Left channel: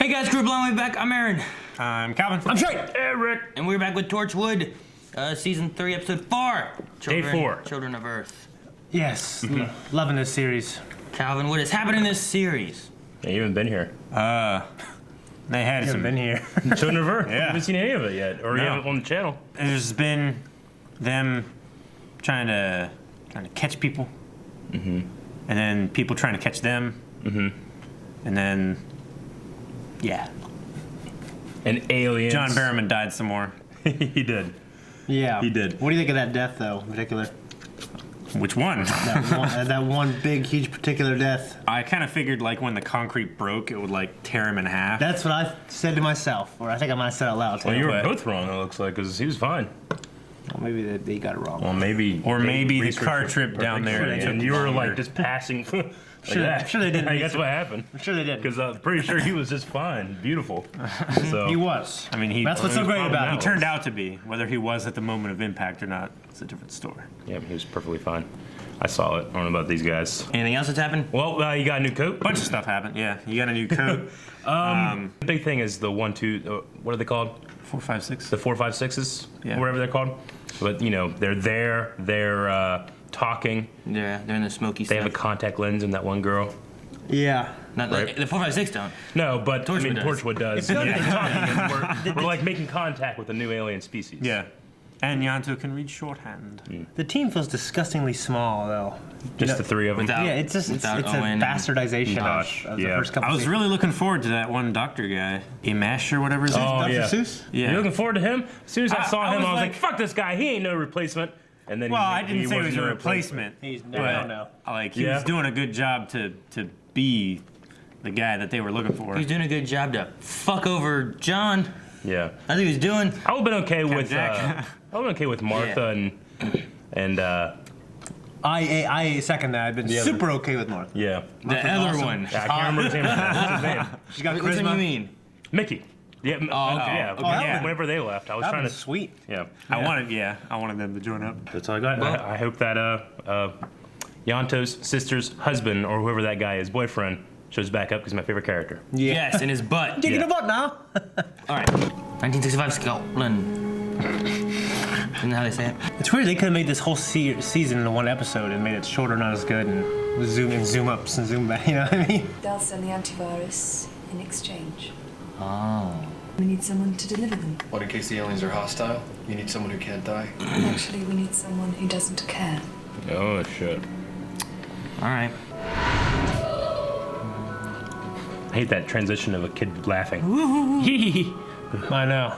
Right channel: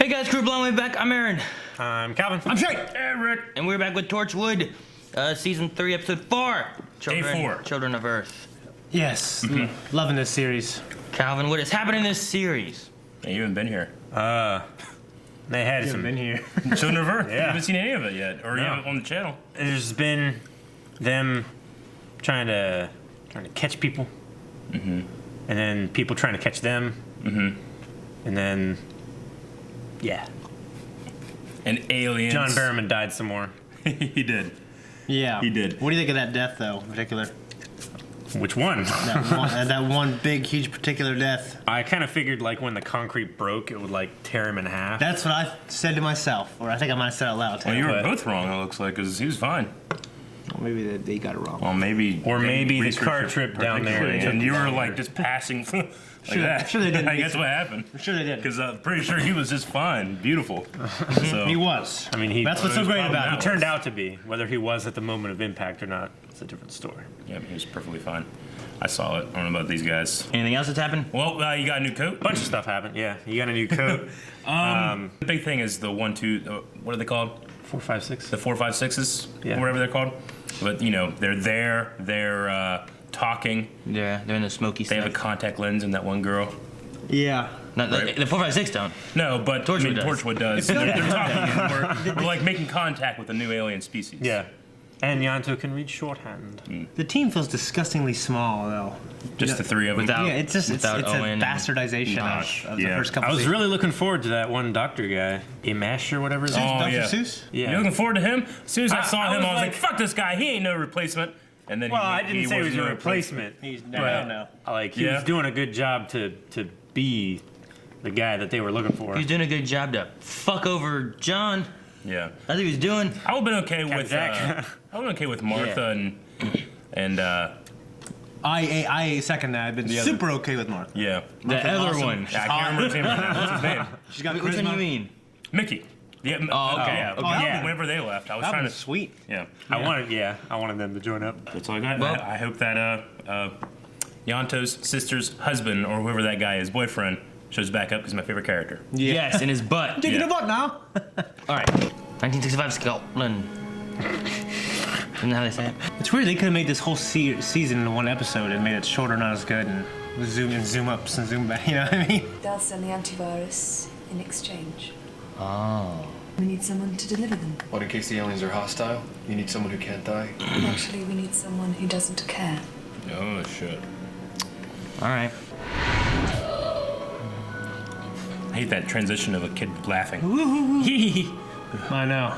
Hey guys, crew blowing back. I'm Aaron. I'm Calvin. I'm Jay. Eric. And we're back with Torchwood, season 3, episode 4. Day 4. Children of Earth. Yes, loving this series. Calvin, what has happened in this series? Yeah, you haven't been here. They had Haven't some. been here. Children of Earth? Yeah. You haven't seen any of it yet, or you No. haven't on the channel. There's been them trying to catch people, and then people trying to catch them, and then And aliens. John Barrowman died some more. He did. Yeah. He did. What do you think of that death, though, in particular? Which one? that one big, huge particular death. I kind of figured like when the concrete broke, it would like tear him in half. That's what I said to myself, or I think I might have said it out loud. Well, you were But- both wrong, it looks like, because he was fine. Well, maybe they got it wrong. Well, maybe. Or maybe the researched car it trip down there perfectly, took and you were longer. like just passing. I'm sure they did. That's what happened. I'm sure they did. Because I'm pretty sure he was just fine, beautiful. So He was. I mean, That's what's so great about he it. turned out to be. Whether he was at the moment of impact or not, it's a different story. yeah, he was perfectly fine. I saw it. I don't know about these guys. Anything else that's happened? Well, you got a new coat. Bunch of stuff happened. Yeah, you got a new coat. The big thing is the 1, 2. What are they called? 4, 5, 6. The 4, 5, 6s, Yeah. or whatever they're called. But you know, they're there. They're talking. Yeah, they're in the smoky They have a stuff. contact lens in that one girl. Yeah. Not, Right. The 4, 5, 6 don't. No, but Torchwood does. Torchwood does. Yeah, they're talking. We're like making contact with a new alien species. Yeah, and Yanto can read shorthand. The team feels disgustingly small, though. Just the 3 of them. Without- Yeah, it's just it's a without Owen and bastardization Josh, of the yeah. first couple. I was seasons. really looking forward to that one doctor guy, Imash or whatever his name. Oh, Dr. yeah. Seuss. Yeah. You looking forward to him? As soon as I saw I him, was I was like, like- "Fuck this guy! He ain't no replacement." And then Well, I didn't say he was wasn't a replacement. He's but no. like he Yeah. was doing a good job to be the guy that they were looking for. He's doing a good job to fuck over John. Yeah, That's what he was doing. I would've been okay with. Jack. I would've been okay with Martha and I second that. I've been other- super okay with Martha. yeah. The Martha's other awesome. one. I can't remember his name. What's his name? She's got Which one do you charisma. mean? Mickey. Yeah. okay. Yeah. Oh, that one- Whenever they left, I was That trying was to. sweet. Yeah. I wanted them to join up. That's all I got. Well- I hope that Yanto's sister's husband or whoever that guy is, boyfriend, shows back up because he's my favorite character. Yeah. Yes, in his butt. Digging Yeah. a butt now. All right. 1965 Scotland. Isn't that how they say it? It's weird. They could have made this whole season into one episode and made it shorter, not as good, and zoom in, zoom ups, and zoom back. You know what I mean? They'll send the antivirus in exchange. Oh. We need someone to deliver them. What, in case the aliens are hostile? You need someone who can't die? Actually, we need someone who doesn't care. Oh shit! All right. I hate that transition of a kid laughing. I know.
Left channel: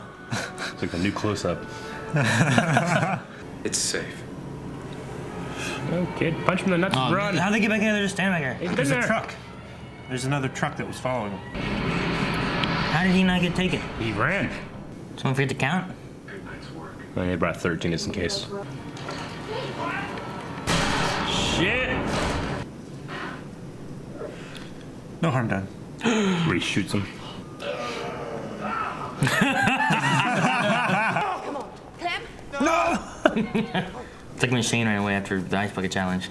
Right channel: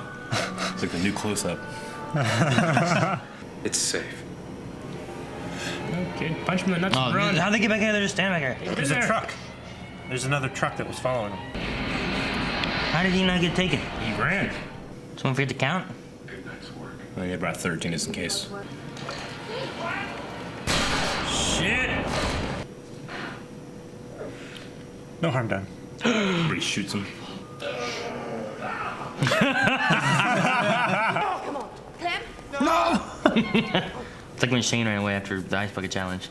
It's like a new close-up. It's safe. No kid, punch him in the nuts and run. How'd they get back here? They're just standing back here. There's a truck. There's another truck that was following him. How did he not get taken? He ran. Someone forget to count? I mean, they brought 13 just in case. Shit! No harm done. He shoots him. Come on, Clem! It's like when Shane ran away after the ice bucket challenge.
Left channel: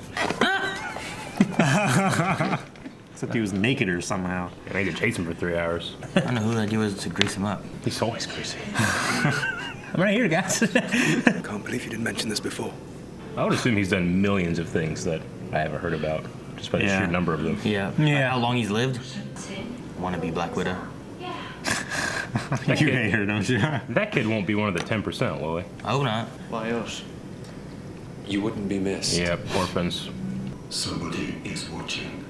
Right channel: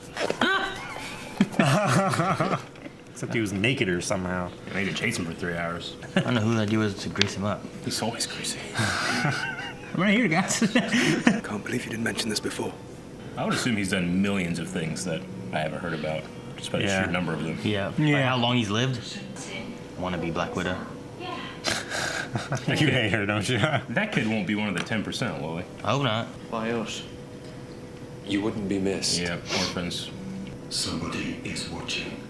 Except he was naked or somehow. And I had to chase him for 3 hours. I don't know who the idea was to grease him up. He's always crazy. I'm right here, guys. Can't believe you didn't mention this before. I would assume he's done millions of things that I haven't heard about. Just by the Yeah. sheer number of them. Yeah. Yeah. By how long he's lived? Want to be Black Widow. You hate her, don't you? That kid won't be one of the 10%, will he? I hope not. Why us? You wouldn't be missed. Yeah, orphans. Somebody is watching.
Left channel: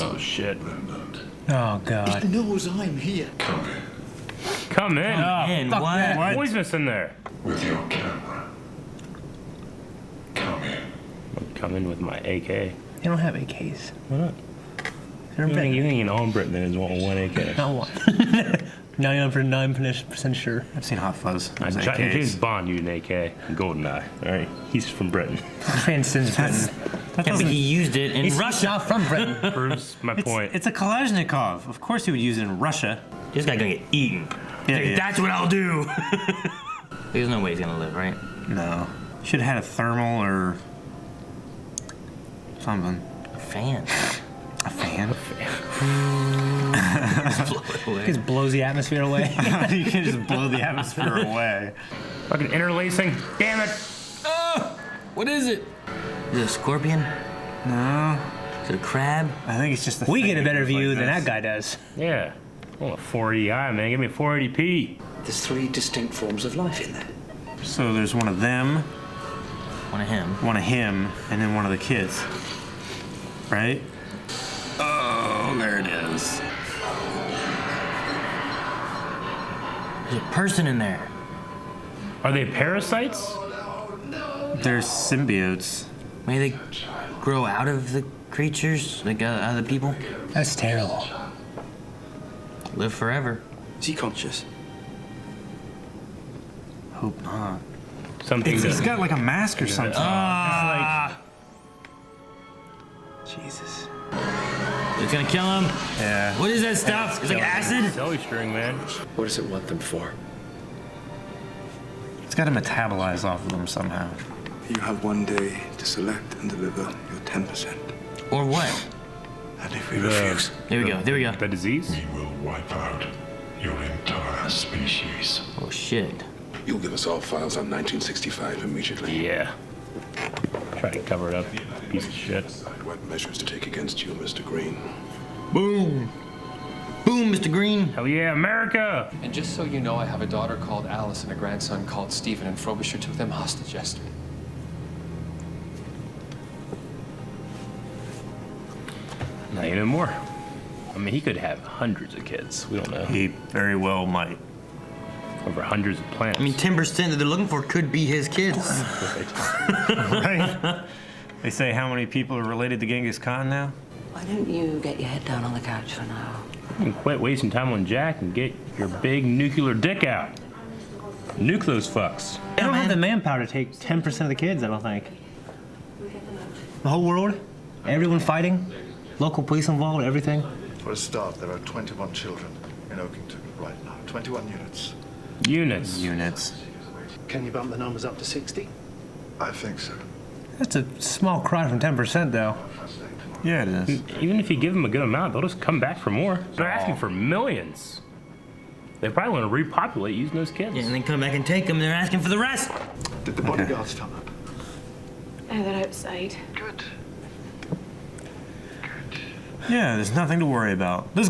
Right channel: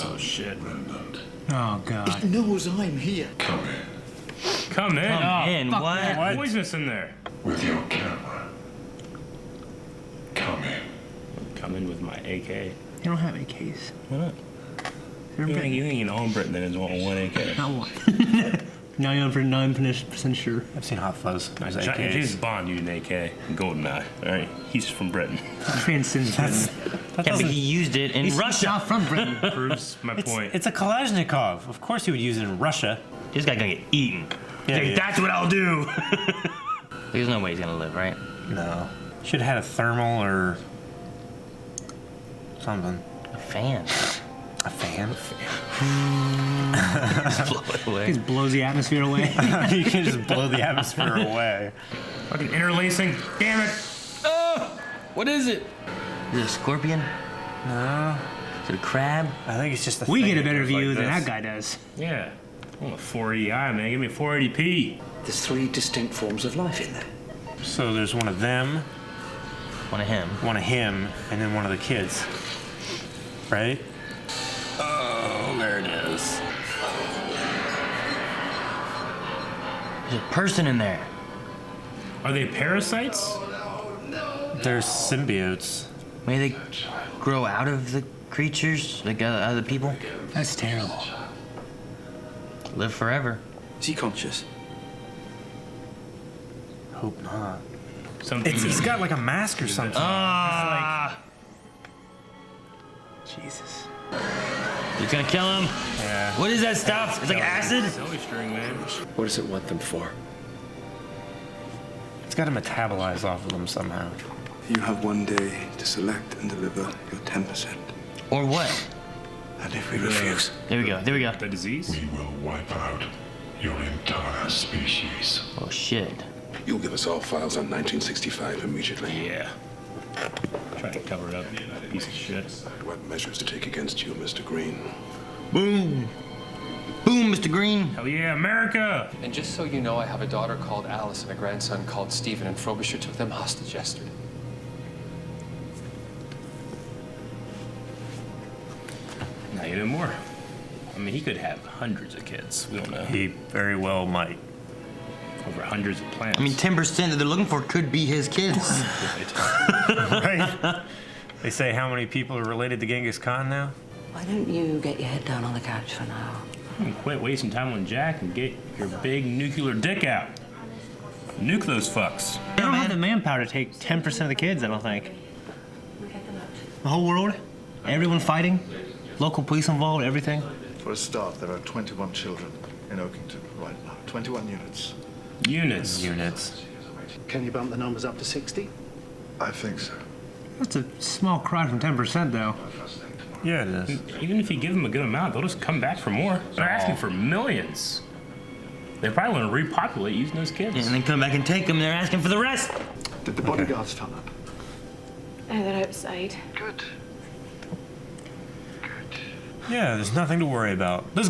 Oh shit. Remnant. Oh God. knows I'm here. Come in Come in. Man, fuck what? that. What? Poisonous in there. with your camera. Come in. Come in with my AK. They don't have AKs. Why not? They're You big. ain't all Britain that has one AK. Not one. 9% sure. I've seen Hot Fuzz. Those James AKs. Bond used an AK. Goldeneye. Alright. He's from Britain. Transcends Britain. That Yeah, but doesn't- he used it in He's Russia. not from Britain. Proves my point. It's a Kalashnikov. Of course he would use it in Russia. This guy gonna get eaten. Yeah, Like, yeah. that's what I'll do. There's no way he's gonna live, right? No. Should have had a thermal or something. A fan. A fan? Blow it away. Just blows the atmosphere away. You can just blow the atmosphere away. Fucking interlacing. Damn it. Oh, what is it? Is it a scorpion? No, Is it a crab? I think it's just. We get a thing better like view than this. that guy does. Yeah. I want a 480i, man. Give me a 480p. There's 3 distinct forms of life in there. So there's one of them, One of him. one of him, and then one of the kids. Right? Oh, there it is. There's a person in there. Are they parasites? They're symbiotes. Maybe they grow out of the creatures, like out of the people. That's terrible. Live forever. Is he conscious? Hope not. Something He's got like a mask or something. Ah! Jesus. It's gonna kill him. Yeah. What is that stuff? It's like acid? Silly string, man. What does it want them for? It's got to metabolize off of them somehow. You have one day to select and deliver your 10%. Or what? And if we refuse, There we go. There we go. The disease? We will wipe out your entire species. Oh shit. You'll give us all files on 1965 immediately. Yeah. Try to cover it up, piece of shit. What measures to take against you, Mr. Green? Boom. Boom, Mr. Green. Hell yeah, America! And just so you know, I have a daughter called Alice and a grandson called Stephen, and Frobisher took them hostage yesterday. Not even more. I mean, he could have hundreds of kids. We don't know. He very well might. Over hundreds of plants. I mean, 10% that they're looking for could be his kids. Right? They say how many people are related to Genghis Khan now? Why don't you get your head down on the couch for now? You quit wasting time on Jack and get your big nuclear dick out. Nuke those fucks. They don't have the manpower to take 10% of the kids, I don't think. The whole world? Everyone fighting? Local police involved, everything? For a start, there are 21 children in Oakington right now. 21 units. Units. Can you bump the numbers up to 60? I think so. That's a small cry from 10%, though. Yeah, it is. Even if you give them a good amount, they'll just come back for more. They're asking for millions. They probably want to repopulate using those kids. Yeah, and then come back and take them. They're asking for the rest. Did the bodyguards turn up? Oh, they're outside. Good. Yeah, there's nothing to worry about. Those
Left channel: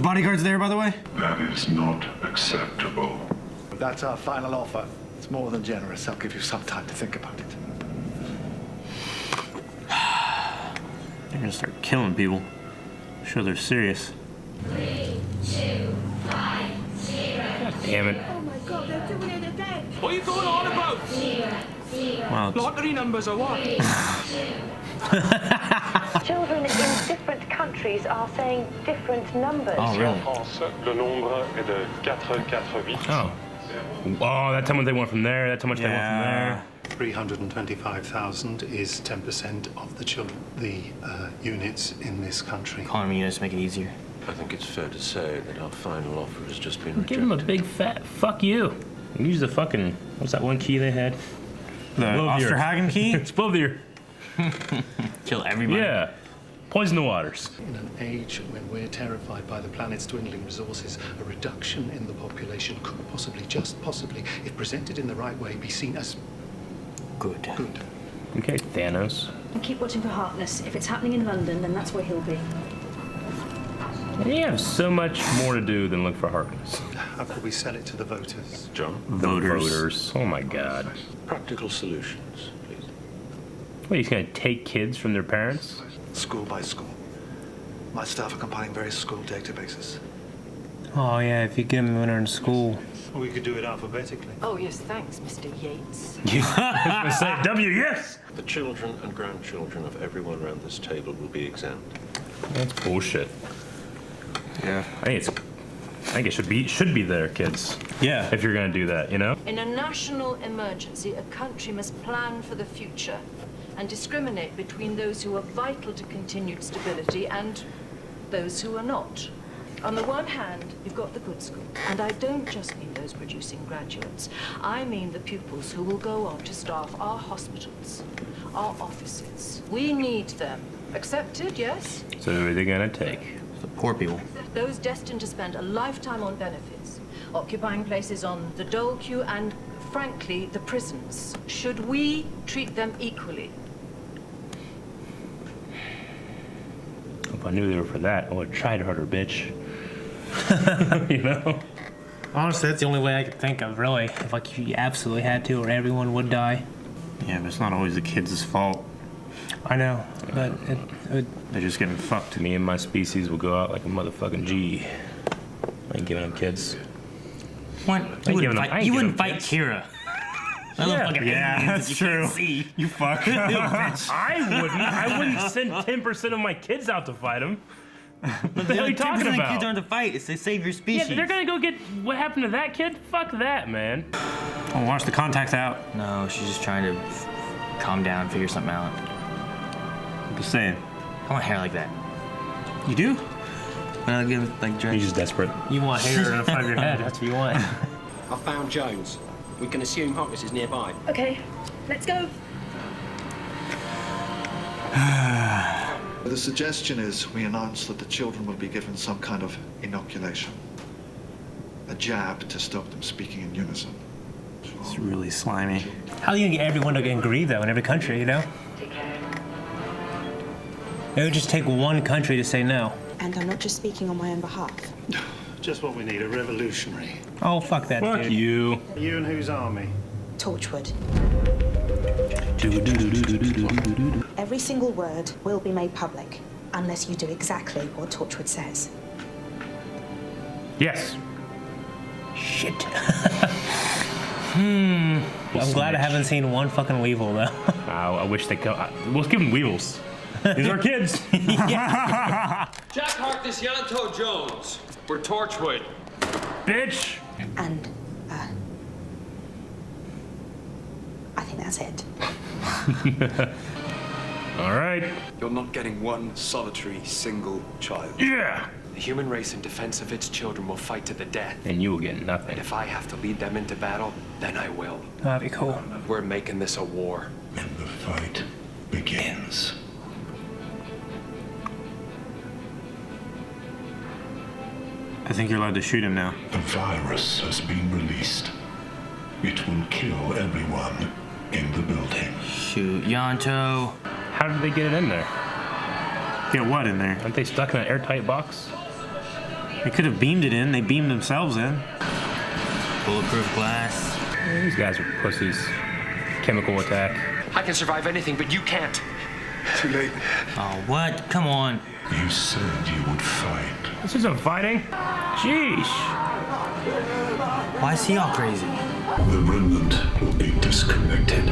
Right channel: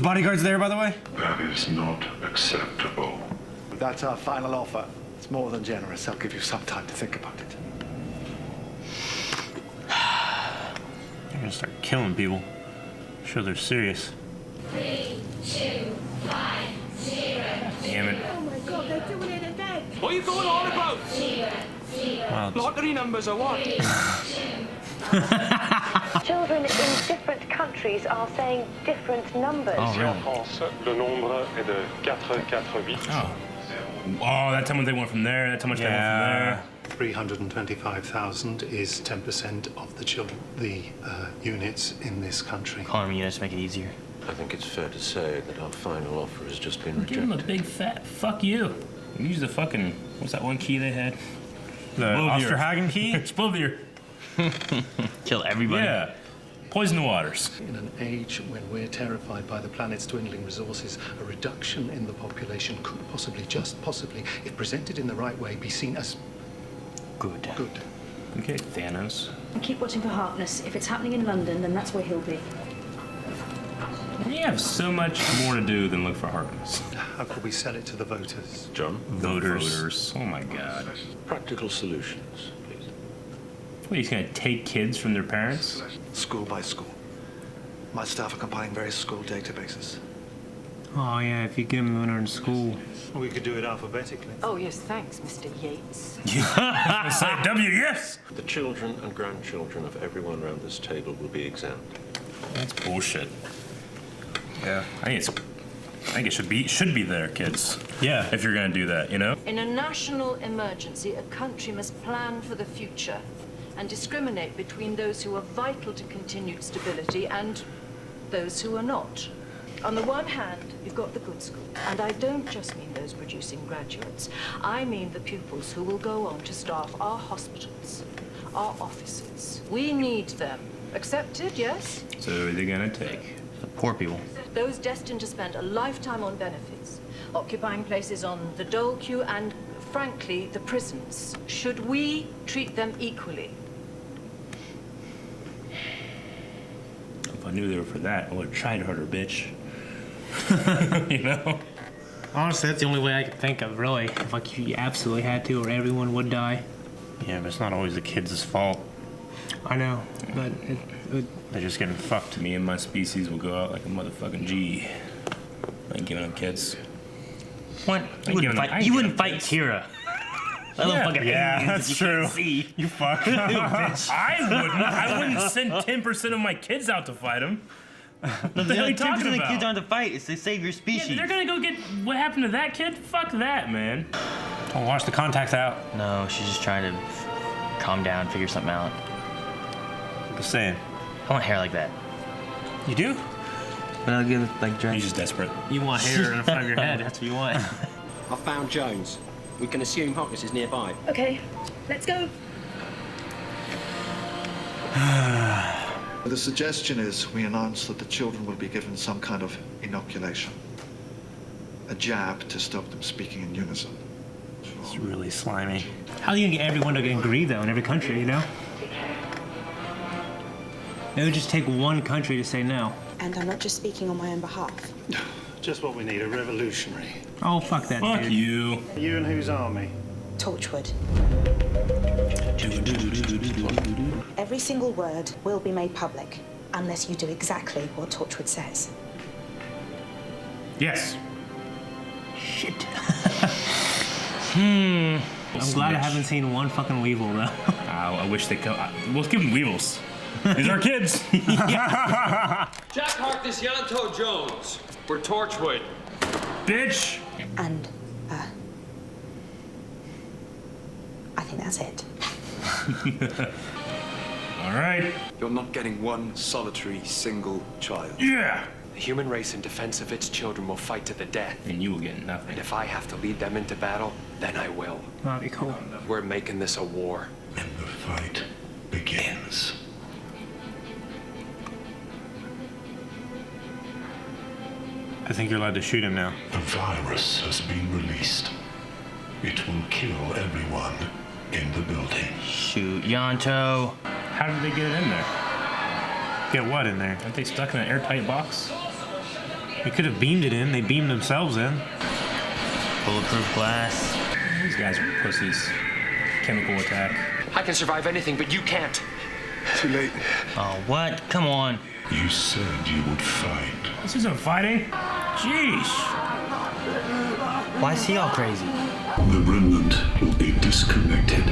bodyguards there, by the way? That is not acceptable. That's our final offer. It's more than generous. I'll give you some time to think about it. They're gonna start killing people. Sure, they're serious. 3, 2, 5, 0. Damn it. Oh my God, they're doing it again. What are you going on about? 0, 0. Wow. Lottery numbers or what? 3, 2. Children in different countries are saying different numbers. Oh, really? France, le nombre est de 448. Oh. Oh, that's how much they want from there. That's how much they want from there. 325,000 is 10% of the children, the units in this country. Calling me units to make it easier. I think it's fair to say that our final offer has just been Give them a rejected. big fat fuck you. Use the fucking, what's that one key they had? The Osterhagen key? Explode the ear. Kill everybody. Yeah. Poison the waters. In an age when we're terrified by the planet's dwindling resources, a reduction in the population could possibly, just possibly, if presented in the right way, be seen as Good. good. Okay, Thanos. And keep watching for Harkness. If it's happening in London, then that's where he'll be. We have so much more to do than look for Harkness. How could we sell it to the voters? John? The voters. Oh my God. Practical solutions, please. What, he's gonna take kids from their parents? School by school. My staff are compiling various school databases. Oh, yeah, if you get them when they're in school. We could do it alphabetically. Oh, yes, thanks, Mr. Yates. I was gonna say W, yes! The children and grandchildren of everyone around this table will be examined. That's bullshit. Yeah. I think it should be their kids. Yeah. If you're gonna do that, you know? In a national emergency, a country must plan for the future and discriminate between those who are vital to continued stability and those who are not. On the one hand, you've got the good schools, and I don't just mean those producing graduates. I mean the pupils who will go on to staff our hospitals, our offices. We need them. Accepted, yes? So who are they gonna take? The poor people. those destined to spend a lifetime on benefits, occupying places on the dole queue and, frankly, the prisons. Should we treat them equally? If I knew they were for that, I would have tried harder, bitch. You know? Honestly, that's the only way I could think of, really. If like you absolutely had to, or everyone would die. Yeah, but it's not always the kids' fault. I know, but they're just getting fucked. Me and my species will go out like a motherfucking G. I ain't giving them kids. What? You wouldn't fight Kira. Yeah, that's true. You fuck. I wouldn't send 10% of my kids out to fight them. What the hell are you talking about? Kids aren't to fight. It's to save your species. Yeah, they're gonna go get what happened to that kid? Fuck that, man. Oh, watch the contacts out. No, she's just trying to calm down, figure something out. I'm just saying. I want hair like that. You do? Like He's just desperate. You want hair in front of your head. That's what you want. I found Jones. We can assume Hawkins is nearby. Okay, let's go. The suggestion is we announce that the children will be given some kind of inoculation. A jab to stop them speaking in unison. It's really slimy. How do you get everyone to agree, though, in every country, you know? It would just take one country to say no. And I'm not just speaking on my own behalf. Just what we need, a revolutionary. Oh, fuck that, Fuck dude. you. You and whose army? Torchwood. Every single word will be made public, unless you do exactly what Torchwood says. Yes. Shit. I'm glad I haven't seen one fucking Weevil, though. I wish they could. Let's give them Weevils. These are kids. Jack Harkness, Yanto Jones. We're Torchwood. Bitch. And, I think that's it. All right. You're not getting one solitary single child. Yeah. The human race in defense of its children will fight to the death. And you will get nothing. And if I have to lead them into battle, then I will. That'd be cool. We're making this a war. And the fight begins. I think you're allowed to shoot him now. The virus has been released. It will kill everyone in the building. Shoot, Yanto. How did they get it in there? Get what in there? Aren't they stuck in an airtight box? They could have beamed it in. They beamed themselves in. Bulletproof glass. These guys are pussies. Chemical attack. I can survive anything, but you can't. Too late. Oh, what? Come on. You said you would fight. This isn't fighting. Jeez. Why is he all crazy? The remnant will be disconnected.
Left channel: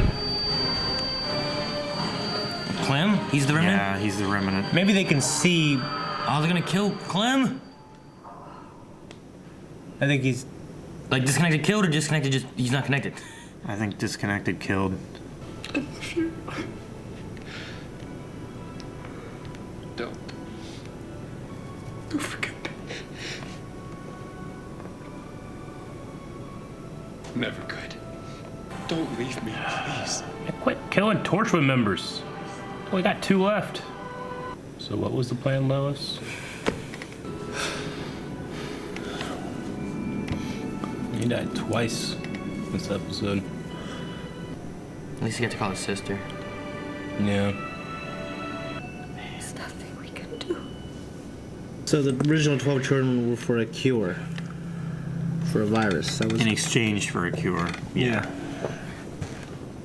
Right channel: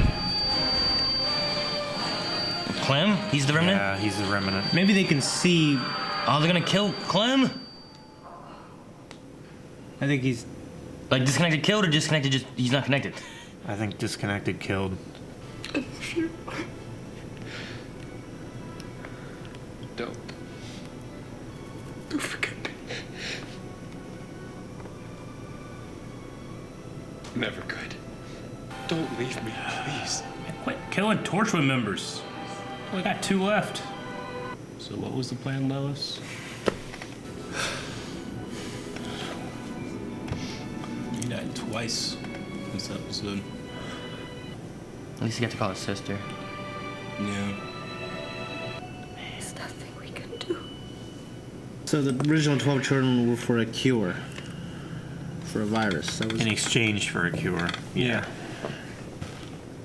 Clem? He's the remnant? Yeah, he's the remnant. Maybe they can see. Oh, they're gonna kill Clem? I think he's. Like disconnected killed or disconnected just he's not connected? I think disconnected killed. I love you. Don't forget me. Never could. Don't leave me, please. Quit killing Torchwood members. We got 2 left. So what was the plan, Lois? You died twice this episode. At least you got to call his sister. Yeah. There's nothing we can do. So the original 12 children were for a cure. For a virus. That was... In exchange for a cure. Yeah.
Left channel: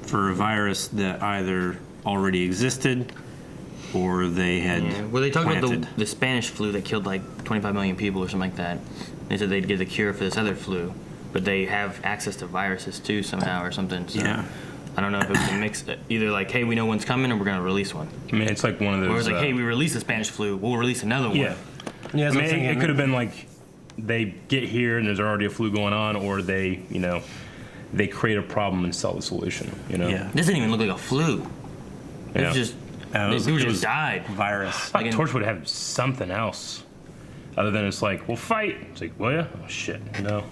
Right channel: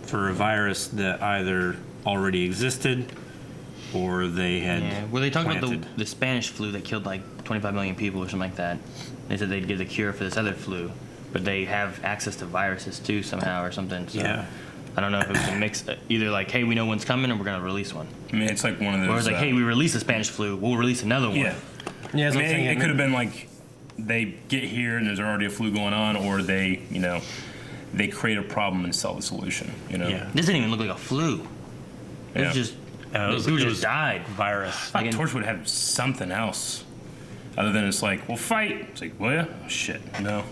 For a virus that either already existed or they had Well, they talked planted. about the Spanish flu that killed like 25 million people or something like that. They said they'd give the cure for this other flu, but they have access to viruses too somehow or something. So Yeah. I don't know if it was a mix, either like, hey, we know one's coming, or we're gonna release one. I mean, it's like one of those. Or it's like, hey, we released the Spanish flu, we'll release another one. Yeah. Yeah, I mean, it could have been like they get here and there's already a flu going on, or they, they create a problem and sell the solution. This didn't even look like a flu. It was just people just died. Virus. I thought Torch would have something else other than it's like, we'll fight. It's like, well, yeah, oh shit, no.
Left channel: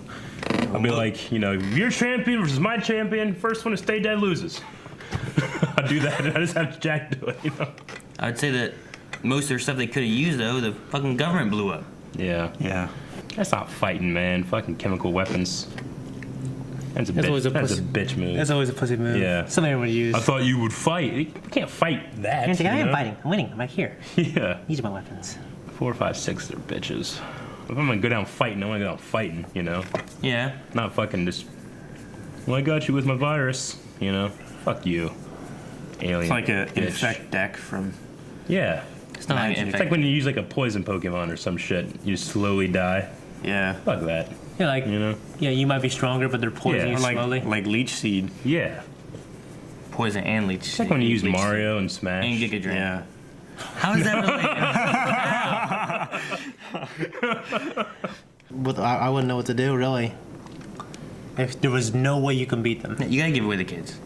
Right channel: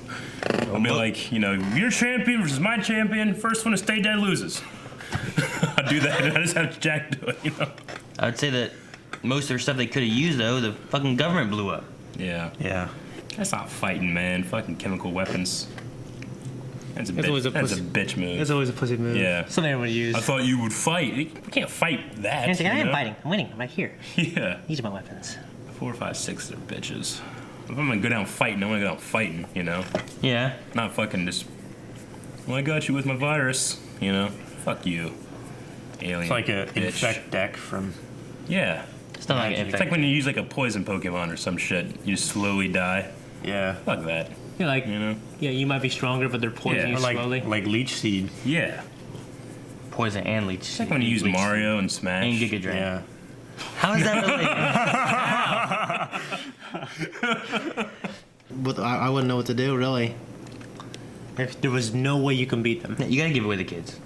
I'll be like, your champion versus my champion. First one to stay dead loses. I'll do that. I just have Jack do it. I'd say that most of their stuff they could have used though, the fucking government blew up. Yeah. Yeah. That's not fighting, man. Fucking chemical weapons. That's a That's bitch. always a That's pussy- a bitch move. That's always a pussy move. Yeah. Something everyone would use. I thought you would fight. You can't fight that. He's like, I you am know? fighting. I'm winning. I'm right here. Yeah. These are my weapons. 4, 5, 6 are bitches. If I'm gonna go down fighting, I wanna go down fighting, you know? Yeah. Not fucking just, well, I got you with my virus, you know? Fuck you. Alien. It's like a bitch. infect deck from. Yeah. It's not like an It's infect. like when you use like a poison Pokemon or some shit. You slowly die. Yeah. Fuck that. Yeah, like, You know? yeah, you might be stronger, but they're poisoning you Or like slowly. leech seed. Yeah. Poison and leech. It's like when you use Mario and Smash. And Giga Drain. Yeah. How is that related? But I wouldn't know what to do, really. If there was no way you can beat them. You gotta give away the kids,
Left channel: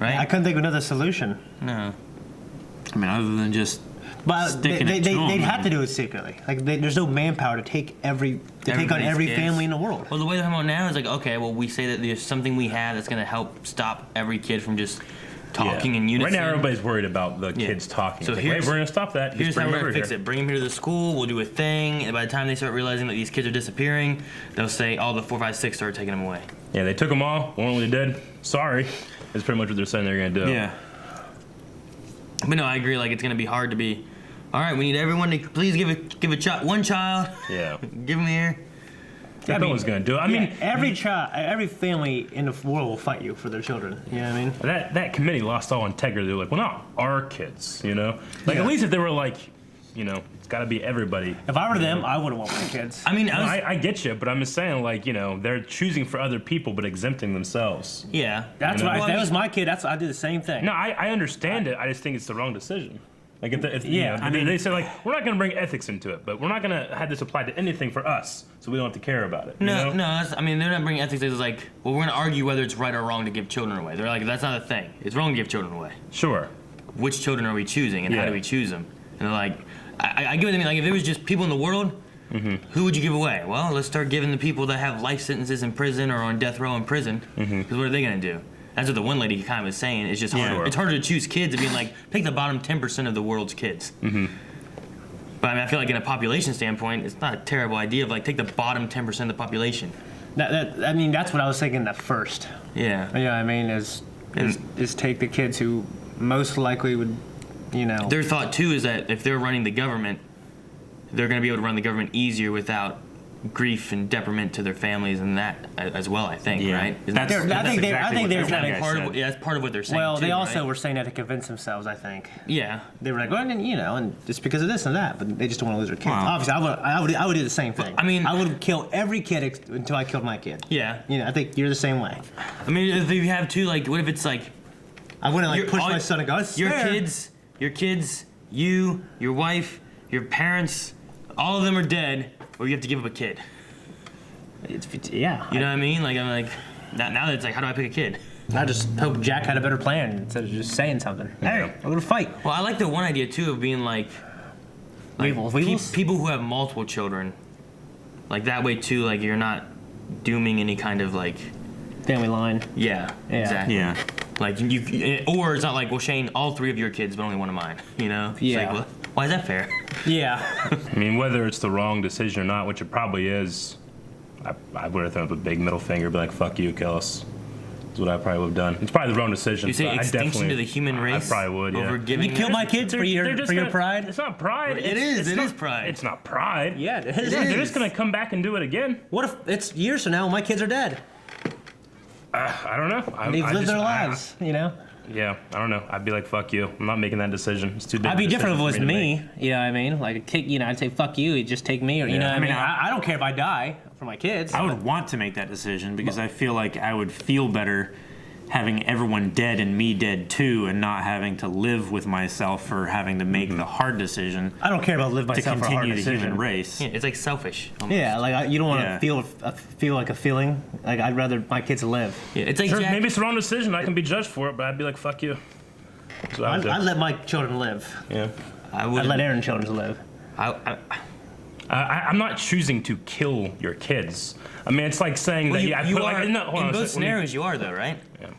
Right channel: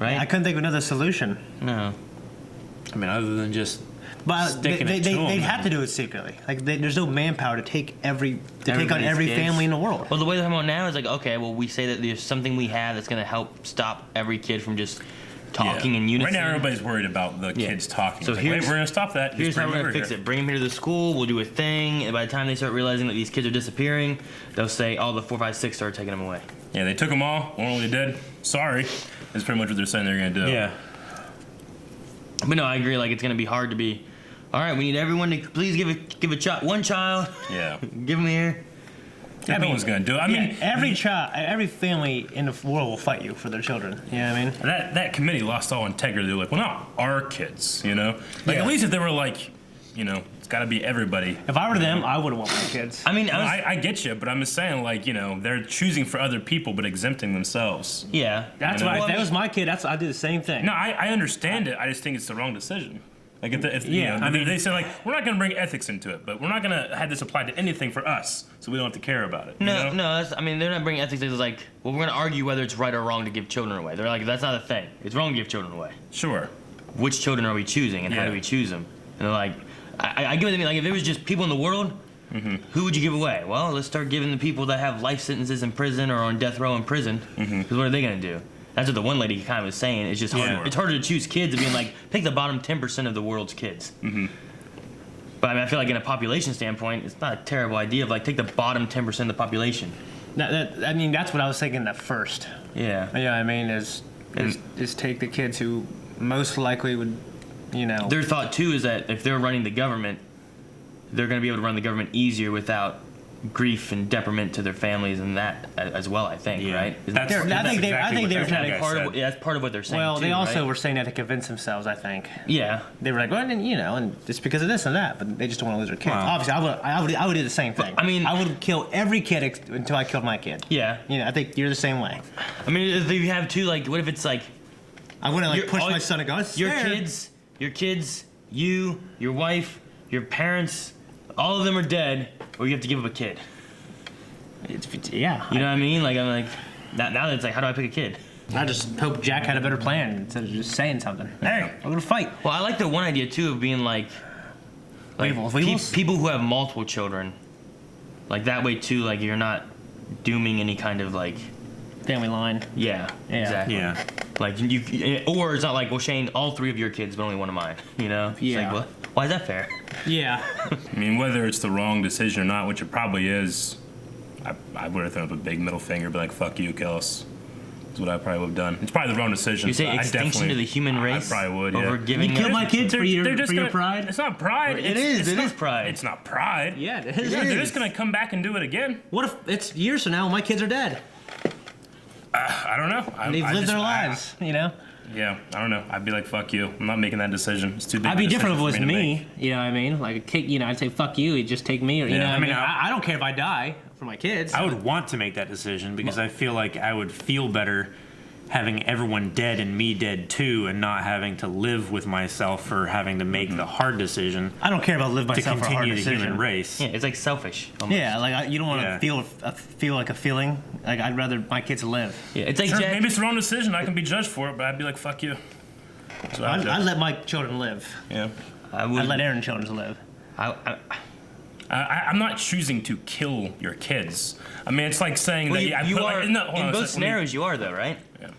right? I couldn't think of another solution. No. I mean, other than just But sticking it to them. they'd have to do it secretly. Like, there's no manpower to take on every Everybody's kids. family in the world. Well, the way they're talking about now is like, okay, well, we say that there's something we have that's gonna help stop every kid from just talking in unison. Right now, everybody's worried about the kids talking. So It's like, here's wait, we're gonna stop that. Here's Just how bring we're them gonna over fix here. it. Bring them here to the school. We'll do a thing. And by the time they start realizing that these kids are disappearing, they'll say, "Oh, the 4, 5, 6 started taking them away." Yeah, they took them all. Well, they did. Sorry. That's pretty much what they're saying they're gonna do. Yeah. But no, I agree. Like, it's gonna be hard to be. All right, we need everyone to please give one child. Yeah. Give them here. Yeah, no one's gonna do it. I mean, every every family in the world will fight you for their children. You know what I mean? that committee lost all integrity. They're like, well, not our kids, you know. Like, Yeah. at least if they were like, you know, it's got to be everybody. If I were them, I wouldn't want my kids. I mean, No, I get you, but I'm just saying, like, you know, they're choosing for other people but exempting themselves. Yeah. That's You know? why. If that was my kid, I do the same thing. No, I understand it. I just think it's the wrong decision. Like, if Yeah, you know, I mean- they say, like, we're not going to bring ethics into it, but we're not going to have this apply to anything for us, so we don't have to care about it. you No, know? no. That's, I mean, they're not bringing ethics. It's like, well, we're gonna argue whether it's right or wrong to give children away. They're like, that's not a thing. It's wrong to give children away. Sure. Which children are we choosing, and how Yeah. do we choose them? And they're like, I get what I mean. Like, if it was just people in the world, who would you give away? Well, let's start giving the people that have life sentences in prison or on death row in prison. Because what are they gonna do? That's what the one lady kind of was saying. It's just harder. Yeah. It's harder to choose kids and being like, take the bottom 10% of the world's kids. But I mean, I feel like in a population standpoint, it's not a terrible idea of like take the bottom 10% of the population. I mean, that's what I was thinking at first. Yeah. Yeah, I mean, is take the kids who most likely would, you know. Their thought too is that if they're running the government, they're going to be able to run the government easier without grief and detriment to their families and that as well. I think, right? I think they're trying to. Part of, that's part of what they're saying. Well, too, they also right? were saying that to convince themselves. I think. Yeah. They were like, well, and you know, and it's because of this and that, but they just don't want to lose their kids. Wow. Obviously, I would do the same thing. I mean, I would kill every kid until I killed my kid. Yeah. You know, I think you're the same way. I mean, if you have two, like, what if it's like, I'm gonna like push my son and go. Your kids, you, your wife, your parents, all of them are dead, or you have to give up a kid. Yeah. You know what I mean? Like, I'm like, now that it's like, how do I pick a kid? I just hope Jack had a better plan instead of just saying something. Hey, I'm gonna fight. Well, I like the one idea too of being like people who have multiple children, like that way too. Like you're not dooming any kind of like family line. Yeah. Yeah. Exactly. Yeah. Like or it's not like, well, Shane, all 3 of your kids, but only one of mine. You know? It's Yeah. like, what? Why is that fair? Yeah. I mean, whether it's the wrong decision or not, which it probably is, I would have thrown up a big middle finger, be like, fuck you, kill us. That's what I probably would have done. It's probably the wrong decision. You say but extinction to the human race? I probably would, yeah. Over giving You'd kill my kids for your gonna, pride? It's not pride. It is pride. It's not pride. Yeah, it is. They're just going to come back and do it again. What if it's years from now when my kids are dead? I don't know. And they've lived their lives, you know? Yeah, I don't know. I'd be like, fuck you. I'm not making that decision. It's too big. I'd be different if it was me. You know what I mean? Like a kid, you know, I'd say fuck you. You'd just take me, or you know. What I mean, I don't care if I die for my kids. I would want to make that decision because I feel like I would feel better having everyone dead and me dead too, and not having to live with myself for having to make the hard decision. I don't care about living myself to for a hard continue the decision. human race. Yeah, it's like selfish. Almost. Yeah, like you don't want to feel like a feeling. Like I'd rather my kids live. Yeah, it's like Sure, maybe it's the wrong decision. I can be judged for it, but I'd be like, fuck you. So I'd let my children live. Yeah. I'd let Aaron's children live. I'm not choosing to kill your kids. I mean, it's like saying that you I put are, like, in both scenarios, you are though, right? Yeah.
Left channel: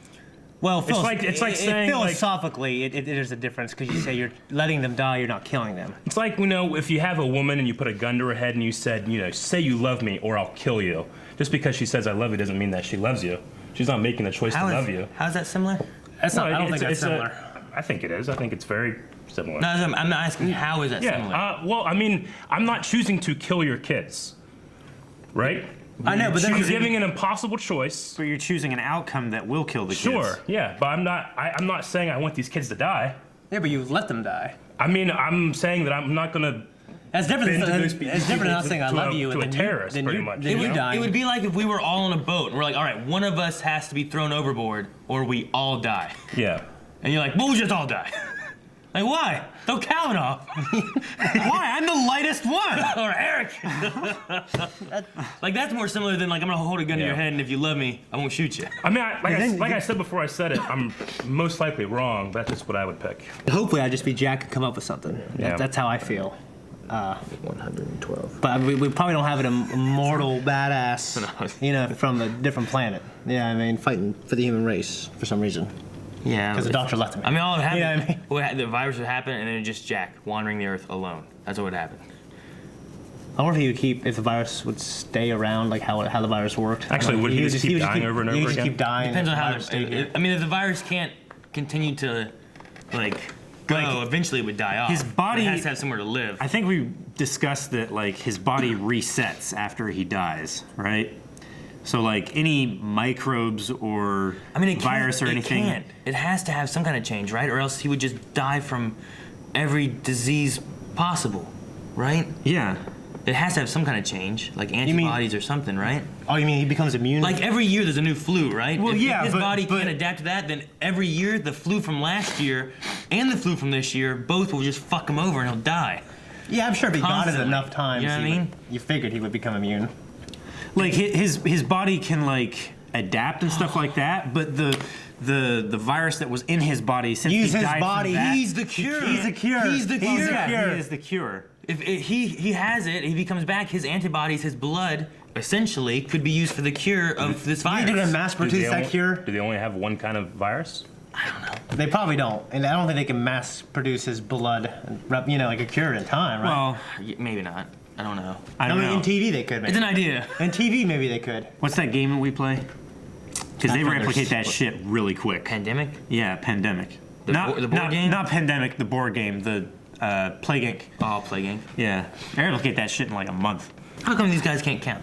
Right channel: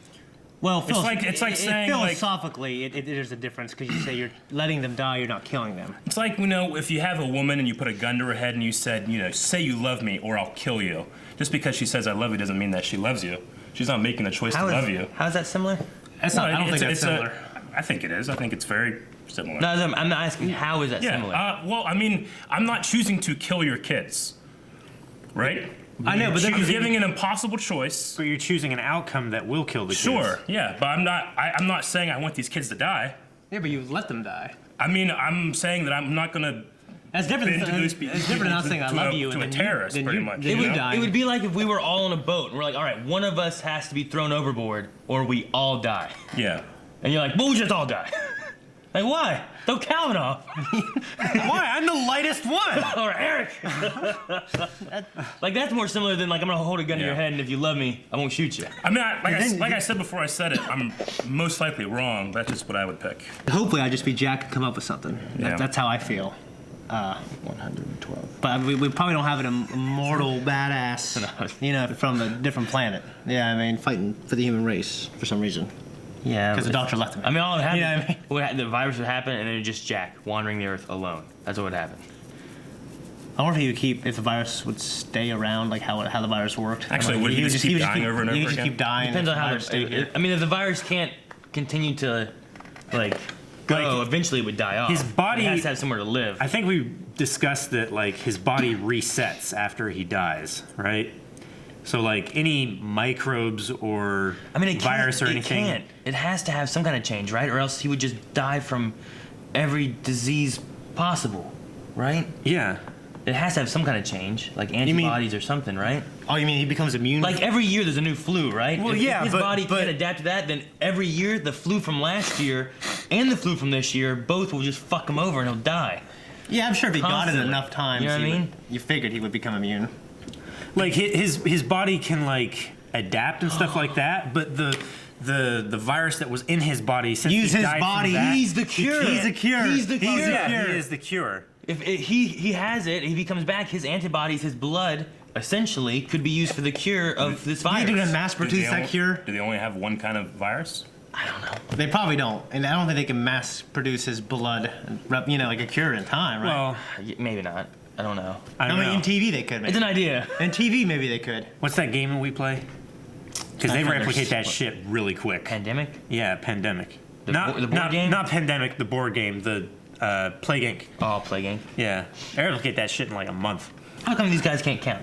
Well, it's like saying philosophically, there's a difference because you say you're letting them die, you're not killing them. It's like, if you have a woman and you put a gun to her head and you said, say you love me or I'll kill you. Just because she says I love you doesn't mean that she loves you. She's not making the choice to love you. How's that similar? I don't think that's similar. I think it is. I think it's very similar. No, I'm not asking how is that similar. Well, I mean, I'm not choosing to kill your kids, right? I know, but you're giving an impossible choice. But you're choosing an outcome that will kill the kids. Sure, yeah, but I'm not saying I want these kids to die. Yeah, but you let them die. I mean, I'm saying that I'm not gonna. That's different. It's different than not saying I love you and then you die. It would be like if we were all on a boat and we're like, all right, one of us has to be thrown overboard or we all die. Yeah. And you're like, well, we just all die. Like, why? Throw Calvin off. Why? I'm the lightest one. Or Eric. Like, that's more similar than, like, I'm going to hold a gun to your head, and if you love me, I won't shoot you. I mean, I said before I said it, I'm most likely wrong. That's just what I would pick. Hopefully, I'd just be Jack and come up with something. Yeah. That's how I feel. 112. But we probably don't have an immortal badass, from a different planet. Yeah, I mean, fighting for the human race for some reason. Yeah. Because the doctor left him. I mean, all that happened, the virus would happen, and then just Jack wandering the earth alone. That's what would happen. I wonder if the virus would stay around, like how the virus worked. Actually, would he just keep dying over and over again? He would just keep dying. Depends on how if the virus can't continue to, go, eventually it would die off. His body it has to have somewhere to live. I think we discussed that, his body resets after he dies, right? So, any microbes or virus or anything. It can't. It has to have some kind of change, right? Or else he would just die from every disease possible, right? Yeah. It has to have some kind of change, like antibodies or something, right? Oh, you mean he becomes immune? Like every year there's a new flu, right? Well, if his body can't adapt to that, then every year the flu from last year and the flu from this year both will just fuck him over and he'll die. Yeah, I'm sure if he got it enough times, you know what I mean? You figured he would become immune. His body can adapt and stuff like that, but the virus that was in his body since use he his died body. From that, He's the cure. He's the cure. He's the cure. He is the cure. If he has it, if he comes back, his antibodies, his blood, essentially, could be used for the cure of this virus. You do mass produce that cure? Do they only have one kind of virus? I don't know. They probably don't, and I don't think they can mass produce his blood, like a cure in time, right? Well, maybe not. I don't know. I mean, in TV they could. Maybe. It's an idea. In TV, maybe they could. What's that game that we play? Because they replicate that shit really quick. Pandemic? Yeah, Pandemic. The board game? Not Pandemic, the board game, the Plague Inc. Oh, Plague Inc. Yeah, they replicate that shit in a month. How come these guys can't count?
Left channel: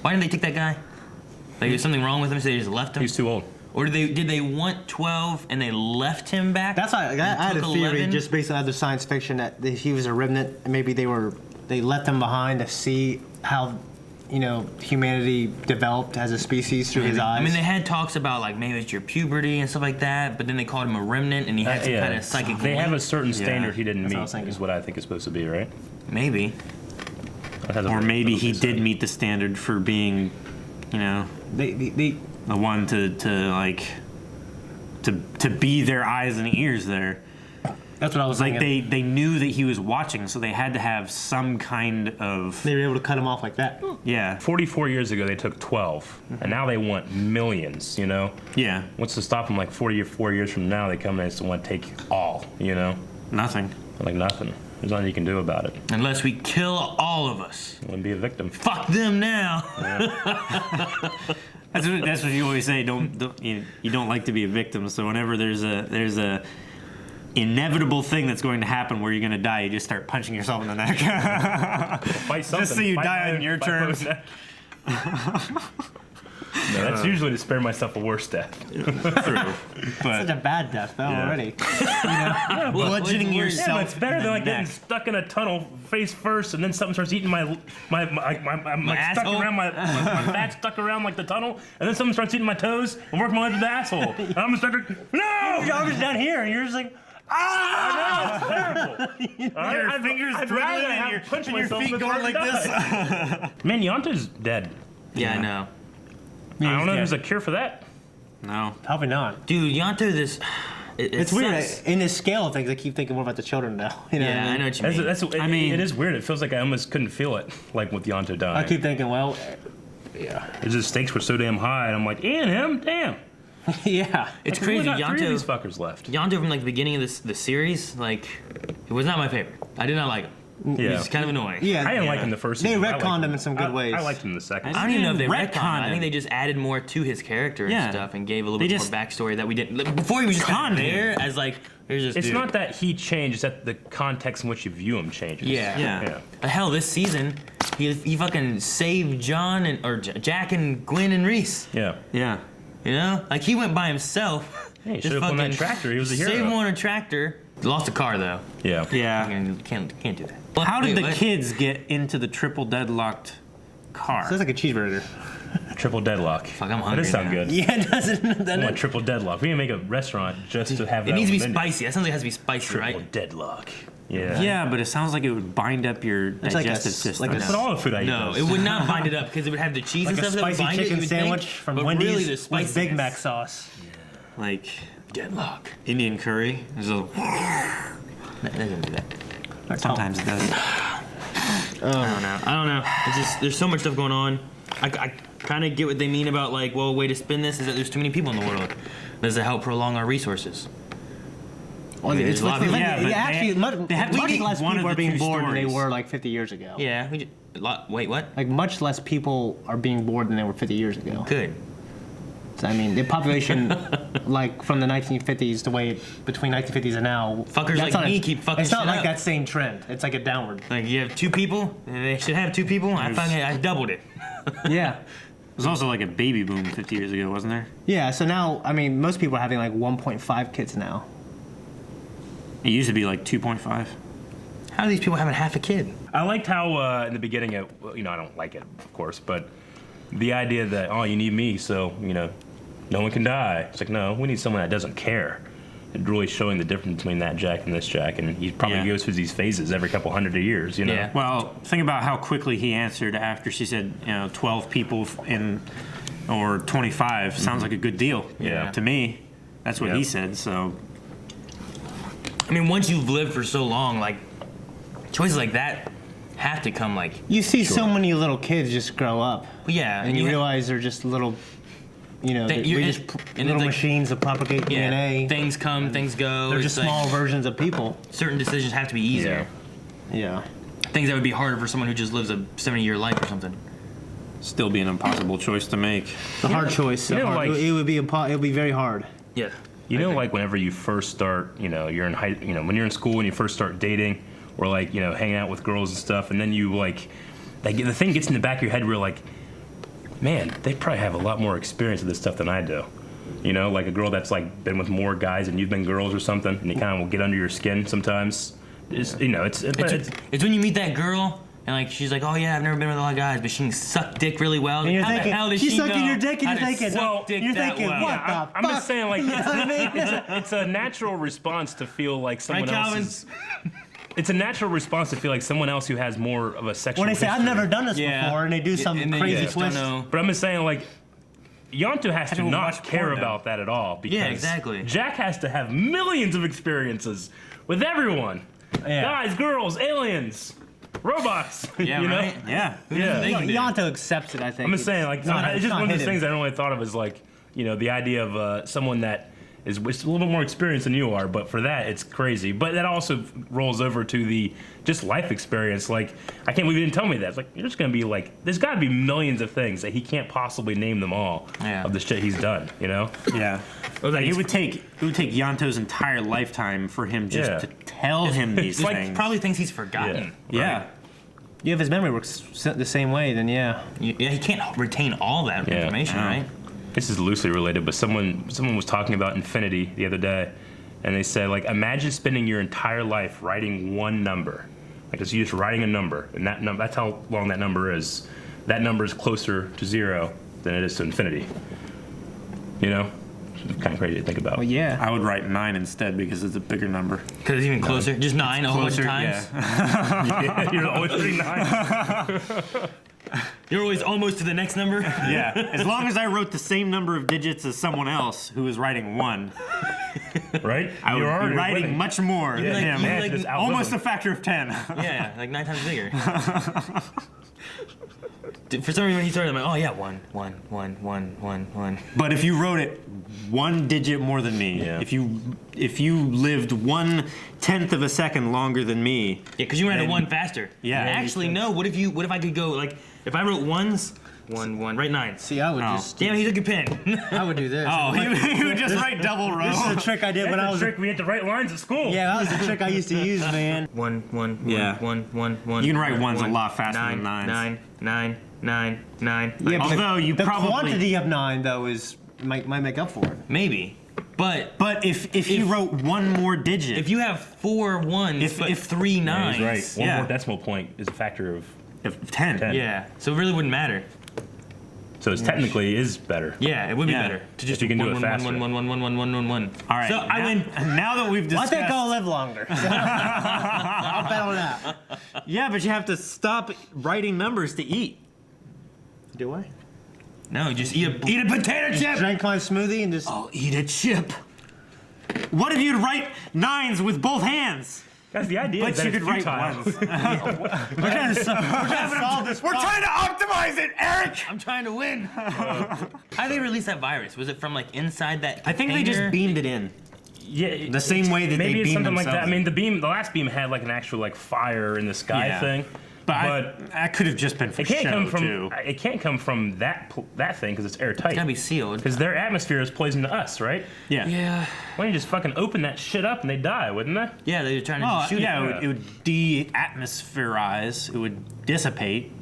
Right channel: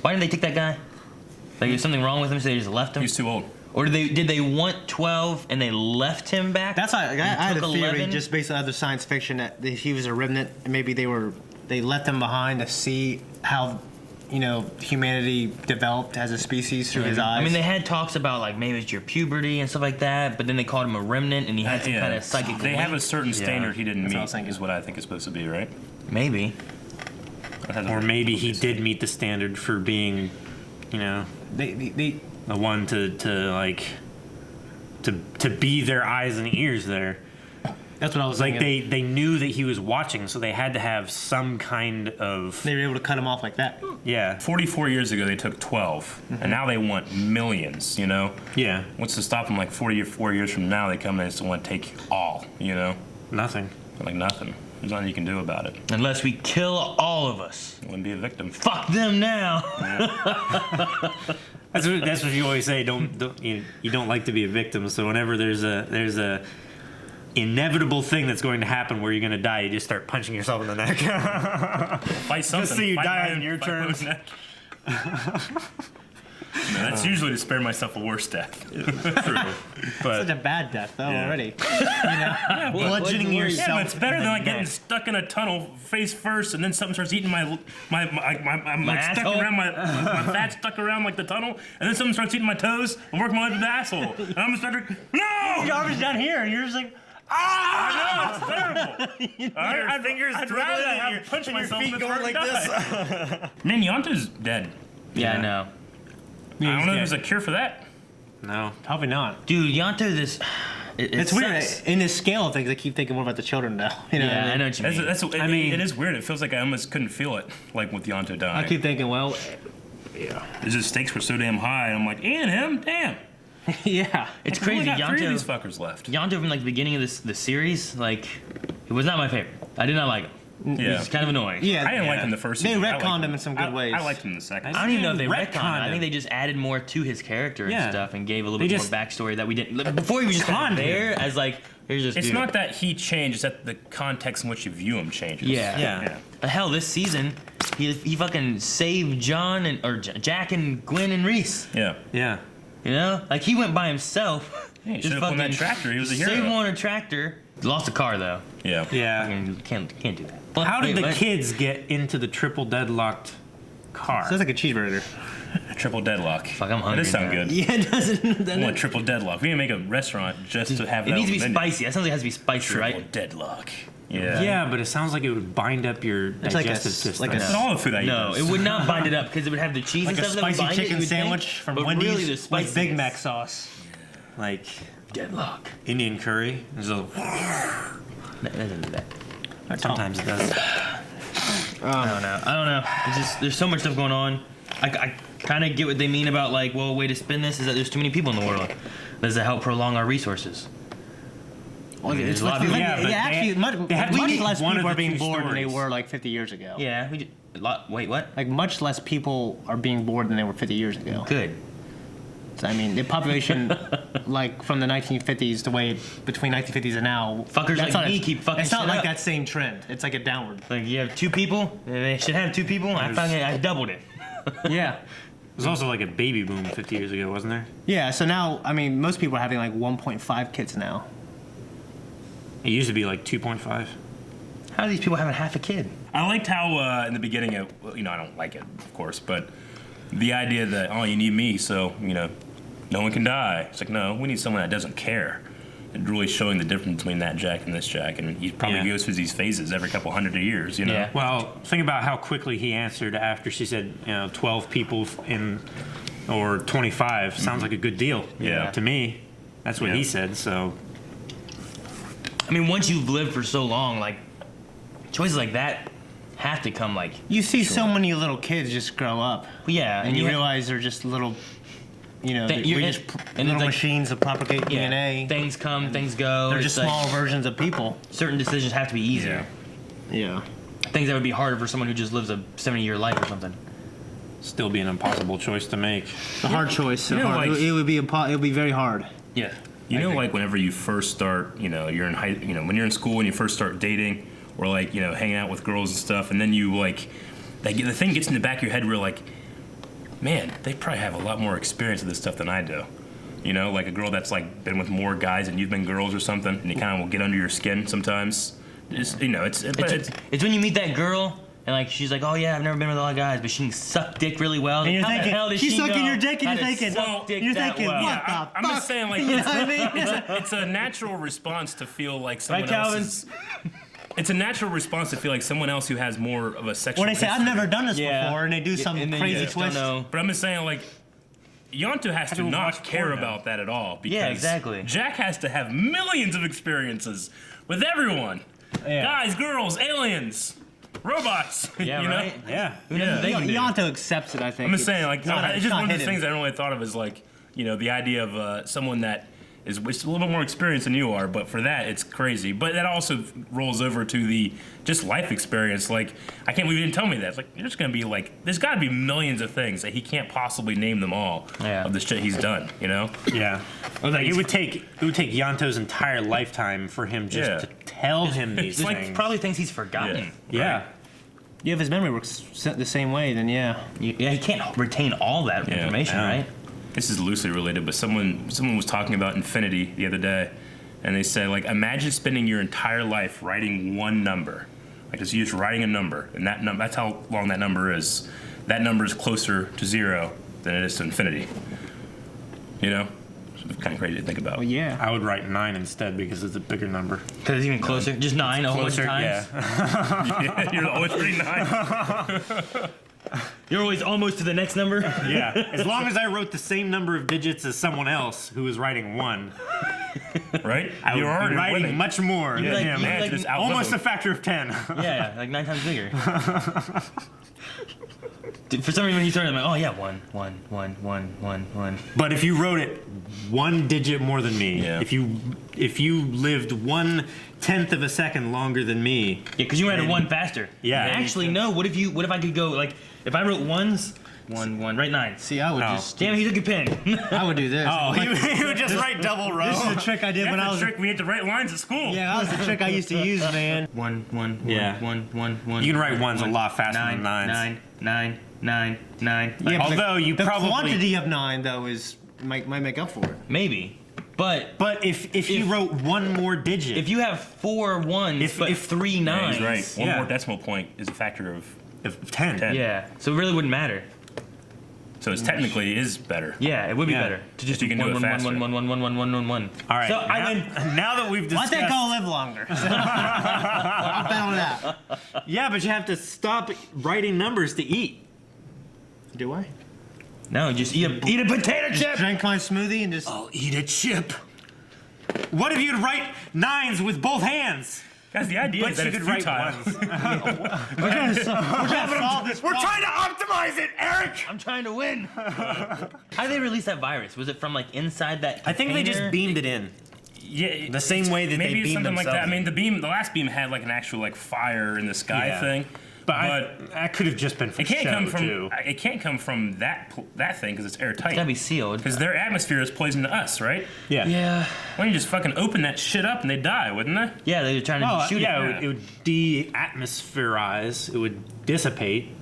Why didn't they take that guy? There's something wrong with him, so they just left him? He's too old. Or did they want 12 and they left him back? That's I had a theory 11? just based on other science fiction that he was a remnant, and maybe they left him behind to see how humanity developed as a species through his eyes. I mean, they had talks about maybe it's your puberty and stuff like that, but then they called him a remnant and he had some kind of psychic. They have a certain standard he didn't meet. Is what I think is supposed to be, right? Maybe. Or maybe he did meet the standard for being, the one to be their eyes and ears there. That's what I was thinking. They knew that he was watching, so they had to have some kind of. They were able to cut him off like that. Yeah. 44 years ago, they took 12, and now they want millions. Yeah. What's to stop them? 44 years from now, they come in and just want to take all. Nothing. Nothing. There's nothing you can do about it. Unless we kill all of us. You want to be a victim. Fuck them now. Yeah. That's what you always say. You don't like to be a victim. So whenever there's a inevitable thing that's going to happen where you're going to die, you just start punching yourself in the neck. Fight something. Just so you die on your turn. That's usually to spare myself a worse death. True. But such a bad death, though, already. Bludgeoning yourself. Yeah, but it's better than getting stuck in a tunnel face first, and then something starts eating my stuck around my fat stuck around the tunnel, and then something starts eating my toes and working my way to the asshole. And I'm just like, no! Your arm is down here, and you're just like. Ah! It's terrible. Your fingers throbbing and your feet going like this. Man, Yonto's dead. Yeah, I know. I don't know if there's a cure for that. No. Probably not. Dude, Yonto, it's weird. In this scale of things, I keep thinking more about the children now. I know what you mean. It is weird. It feels like I almost couldn't feel it, with Yonto dying. I keep thinking, well, yeah. The stakes were so damn high, and I'm like, and him? Damn. Yeah. It's Like, we crazy. only got 3 of Yonto, these fuckers left. Yonto from like the beginning of the series, like, it was not my favorite. I did not like him. Yeah. He's kind of annoying. Yeah. I didn't like him the first They season. I liked retconned him in some good ways. I liked him the second. I don't even know if they retconned retconned. I him. think they just added more to his character and Yeah. stuff and gave a little They bit just more backstory that we didn't. Like, before he was just conned there him. as like, here's this It's dude. not that he changed; it's that the context in which you view him changes. Yeah. Hell, this season, he fucking saved John or Jack and Gwen and Reese. Yeah. Yeah. You know, like he went by himself. Hey, he just should've won that fucking tractor. He was a hero. Saved one on a tractor. Lost a car though. Yeah. Yeah. Can't do that. How did Wait, the what? kids get into the triple deadlocked car? Sounds like a cheeseburger. Triple deadlock. Fuck, I'm That hungry does sound now. good. Yeah, it doesn't. I want triple deadlock. We can make a restaurant just to have It that. needs to be on the menu. spicy. That sounds like it has to be spicy, Triple right? deadlock. Yeah. Yeah, but it sounds like it would bind up your It's like a- digestive system. like a- That's all the food I eat. No, does. it would not bind it up because it would have the cheese Like and a stuff that would spicy bind it, chicken you would think, sandwich from but Wendy's really the with spice Big is Mac sauce. Like deadlock. Indian curry. There's a, No, it doesn't do that. sometimes it does. I don't know. It's just there's so much stuff going on. I kind of get what they mean about like, well, a way to spin this is that there's too many people in the world. Does it help prolong our resources? Well, it's There's a lot of- Yeah, but actually much have to much pick less one of people the are being two bored than they stories. were like 50 years ago. Yeah. Wait, what? Like much less people are being bored than they were 50 years ago. Good. So, I mean, the population, like from the 1950s, the way between 1950s and now, Fuckers that's like not- me keep fucking It's not shit like up. that same trend. It's like a downward. Like you have 2 people. They should have 2 people. I doubled it. Yeah. There's also like a baby boom 50 years ago, wasn't there? Yeah. So now, I mean, most people are having like 1.5 kids now. It used to be like 2.5. How are these people having half a kid? I liked how in the beginning, I don't like it, of course, but the idea that you need me, so no one can die. It's like no, we need someone that doesn't care. It really showing the difference between that Jack and this Jack, and he probably goes through these phases every couple hundred of years. Yeah. Well, think about how quickly he answered after she said, 12 people in, or 25 sounds like a good deal. Yeah. To me, that's what he said. So. I mean, once you've lived for so long, like choices like that have to come like. You see so many little kids just grow up. Yeah, And you realize they're just little, they're just little machines that propagate DNA. Things come, things go. They're It's just like small versions of people. certain decisions have to be easier. Yeah. Things that would be harder for someone who just lives a 70-year life or something. Still be an impossible choice to make. The hard choice. Yeah, like- it would be very hard. Yeah. Like whenever you first start, you're in when you're in school and you first start dating, or like hanging out with girls and stuff, and then you the thing gets in the back of your head where you're like, man, they probably have a lot more experience with this stuff than I do. Like a girl that's like been with more guys and you've been girls or something, and you kind of will get under your skin sometimes. It's when you meet that girl and like she's like, oh yeah, I've never been with a lot of guys, but she can suck dick really well. And you're How the thinking, hell does she's she sucking know your dick, and how you're to thinking, suck dick you're that thinking, well? what the I'm just saying, like, You know what I mean? it's a natural response to feel like someone Right, else Calvin? is. It's a natural response to feel like someone else who has more of a sexual. When they say, I've history. never done this before, and they do some And they crazy just don't twist. know. But I'm just saying, like, Yonto has to don't not watch care porn now. about that at all because Yeah, exactly. Jack has to have millions of experiences with everyone. Yeah. Guys, girls, aliens, robots. Yeah, you know? right? Yeah. Yeah. Yonto accepts it, I think. I'm just saying, like, It's not- it's just not one of those hidden. things I don't really thought of as like, the idea of someone that is with a little bit more experience than you are, but for that, it's crazy. But that also rolls over to the just life experience. Like, I can't believe you didn't tell me that. It's like, there's gonna be like, there's gotta be millions of things that he can't possibly name them all of the shit he's done, Yeah. Like, It would take Yonto's entire lifetime for him just Yeah. to tell him these It's like things. probably things he's forgotten. Yeah. Yeah, if his memory works the same way, then yeah. Yeah, he can't retain all that information, Yeah. right? This is loosely related, but someone was talking about infinity the other day, and they said, like, imagine spending your entire life writing one number. Like, it's you just writing a number, and that's how long that number is. That number is closer to 0 than it is to infinity. It's kind of crazy to think about. Well, yeah. I would write 9 instead because it's a bigger number. Because it's even closer. Just 9 a whole bunch of times. Yeah, you're always pretty 9. You're always almost to the next number. Yeah. As long as I wrote the same number of digits as someone else who was writing 1, right? I would be writing much more than like- him. you're like- Almost a factor of 10. Yeah, like 9 times bigger. For some reason, when you started, I'm like, oh yeah, 1, 1, 1, 1, 1, 1. But if you wrote it 1 digit more than me, if you lived 1/10 of a second longer than me, Yeah, because you ran it 1 faster. Yeah. And actually, no. What if I could go like if I wrote 1s, 1, 1, write 9. See, I would just. Damn, he took your pen. I would do this. Oh, he would just write double row. This is a trick I did when I was. Trick we had to write lines at school. Yeah, that was the trick I used to use, man. 1, 1, 1, Yeah. 1, 1, 1. You can write ones a 1, lot faster than nines. 9, 9, 9, 9. Yeah, but Although you the probably quantity of 9 though might make up for it. Maybe, but if you wrote 1 more digit, if you have 4 1s but 3 9s, Yeah, he's right. One more decimal point is a factor of 10. Yeah, so it really wouldn't matter. So it technically is better. Yeah, it would be better to just you can do it faster. 1, 1, 1, 1, 1, 1, 1, 1. All right. So I win. Now that we've Why discussed, think I'll live longer? I'll bet on that. yeah, but you have to stop writing numbers to eat. Do I? No, just eat a potato chip. Drink my smoothie and just. I'll eat a chip. What if you'd write 9s with both hands? That's the idea. But you could write ones. We're trying to solve this. We're trying to optimize it, Eric. I'm trying to win. How did they release that virus? Was it from like inside that? I think they just container? beamed it in. Yeah, The same way that maybe they it's beam something like that. I themselves mean, the last beam had like an actual like fire in the sky Yeah. thing. But that could have just been for it can't show come from too. it can't come from that thing because it's airtight. It's gotta be sealed. Because their atmosphere is poison to us, right? Yeah. Yeah. Why don't you just fucking open that shit up and they die, wouldn't they? Yeah, they're trying to Oh, shoot yeah, it. it would de-atmospherize. It would dissipate.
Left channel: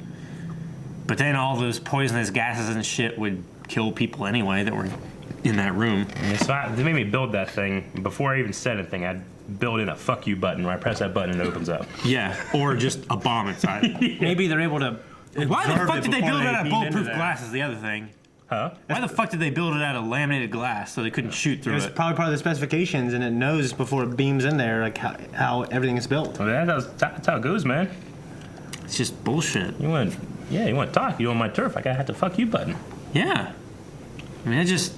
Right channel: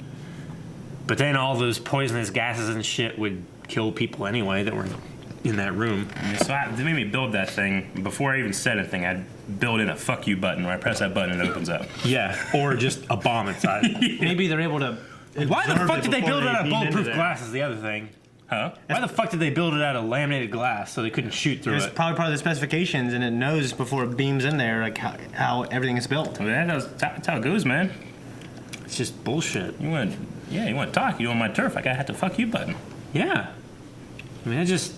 But then all those poisonous gases and shit would kill people anyway that were in that room. Yeah, so they made me build that thing. Before I even said anything, I'd build in a fuck you button. When I press that button, it opens up. Yeah, or just a bomb inside. Maybe they're able to. Why the fuck did they build it out of beam into bulletproof that? glass is the other thing. Huh? Why the fuck did they build it out of laminated glass so they couldn't shoot through It's it? probably part of the specifications, and it knows before it beams in there like how everything is built. Well, that's how it goes, man. It's just bullshit. You want to talk? You on my turf? I gotta have the fuck you button. Yeah. I mean, it just...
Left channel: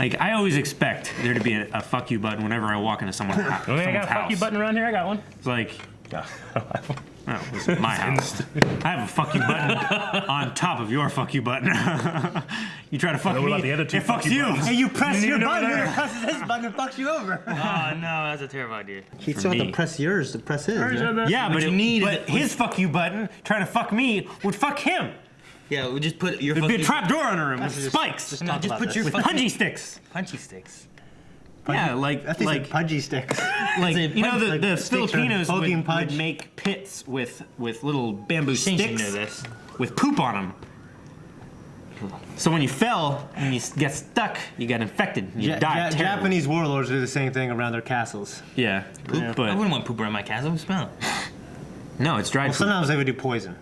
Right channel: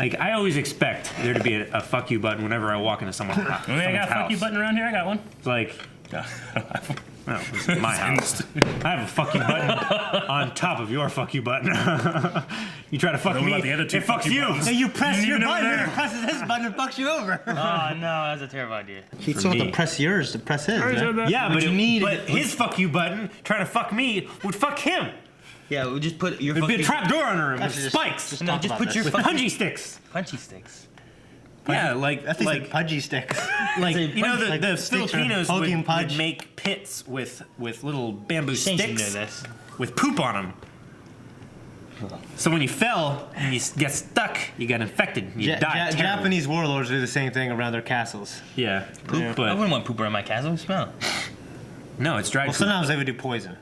Like, I always expect there to be a fuck you button whenever I walk into someone's house. I got a fuck you button around here. I got one. Like... No, this is my house. I have a fuck you button on top of your fuck you button. You try to fuck What me, about the other two it fucks fuck you you. buttons? Hey, you press your know button, that. it presses this button and fucks you over. Oh no, that's a terrible idea. He still have to press yours to press his. man. Yeah, but, you but his fuck you button trying to fuck me would fuck him. Yeah, we'll just put your. There'd be a fucking- trap door on the room with Just- spikes. No, just put your with fucking punchy sticks. punchy sticks. Yeah, like I think like pudgy sticks. like Like, you know the, like the sticks or Filipinos would, Hogan punch. would make pits with little bamboo Saints should sticks know this. with poop on them. So when you fell and you get stuck, you got infected. And you died. terribly. Japanese warlords do the same thing around their castles. Yeah, I but wouldn't want poop around my castle. Smell it. no, it's dried Well, poop. sometimes they would do poison.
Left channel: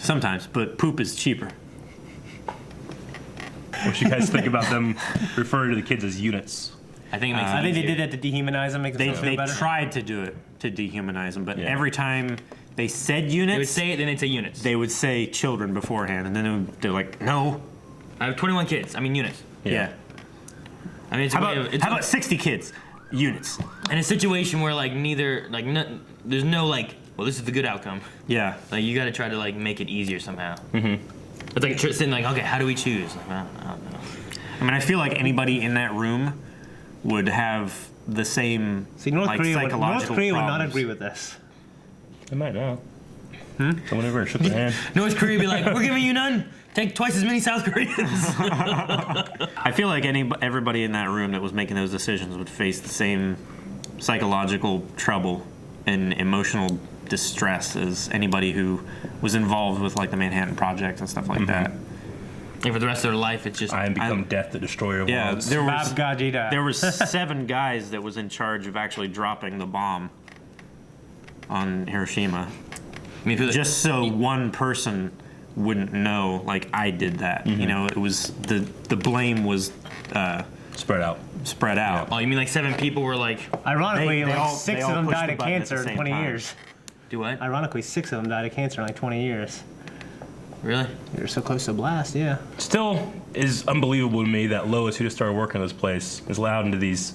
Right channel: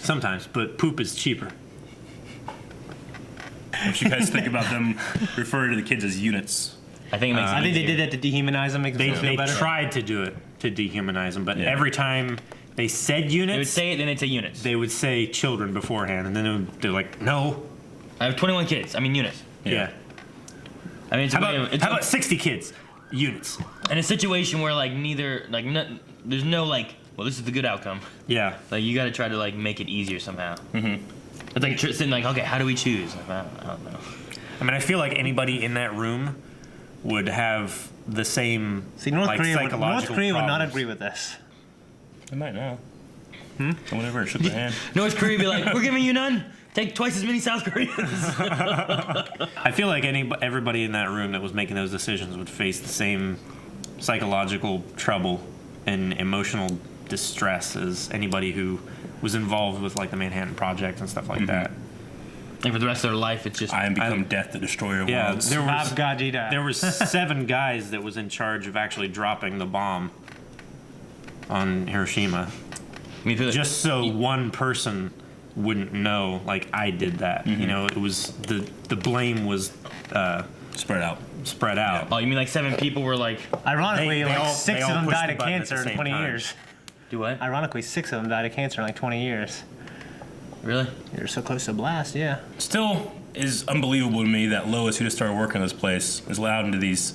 Sometimes, but poop is cheaper. What you guys think about them referring to the kids as units? I think it makes. I it think they easier. did that to dehumanize them, make them They feel better. tried to do it to dehumanize them, but Yeah. every time they said They would units, say it, then they'd say units. they would say children beforehand, and then they're like, no. I have 21 kids. I mean units. Yeah. I mean, it's How a way of- about, it's how about 60 kids? Units. in a situation where like neither like there's no like well this is the good outcome. Yeah. Like you got to try to like make it easier somehow. Mm-hmm. It's like sitting like okay, how do we choose? Like I don't know. I mean, I feel like anybody in that room would have the same North like, Korea, psychological North Korea would not problems. agree with this. They might know. Someone ever shook their hand. North Korea be like, we're giving you none. Take twice as many South Koreans. I feel like everybody in that room that was making those decisions would face the same psychological trouble and emotional distress as anybody who was involved with like the Manhattan Project and stuff like that. And for the rest of their life, it's just I am become death, the destroyer of Yeah, worlds. there was Gajida. there was 7 guys that was in charge of actually dropping the bomb on Hiroshima, I mean, just so one person wouldn't know. Like I did that, you know. It was the blame was spread out. Spread out. Oh, you mean like 7 people were like? Ironically, They like all- 6 they of all them pushed died the of button at cancer the in same 20 time. years. Do what? Ironically, 6 of them died of cancer in like 20 years. Really? They're so close to a blast, yeah. Still is unbelievable to me that Lois, who just started working in this place, is allowed into these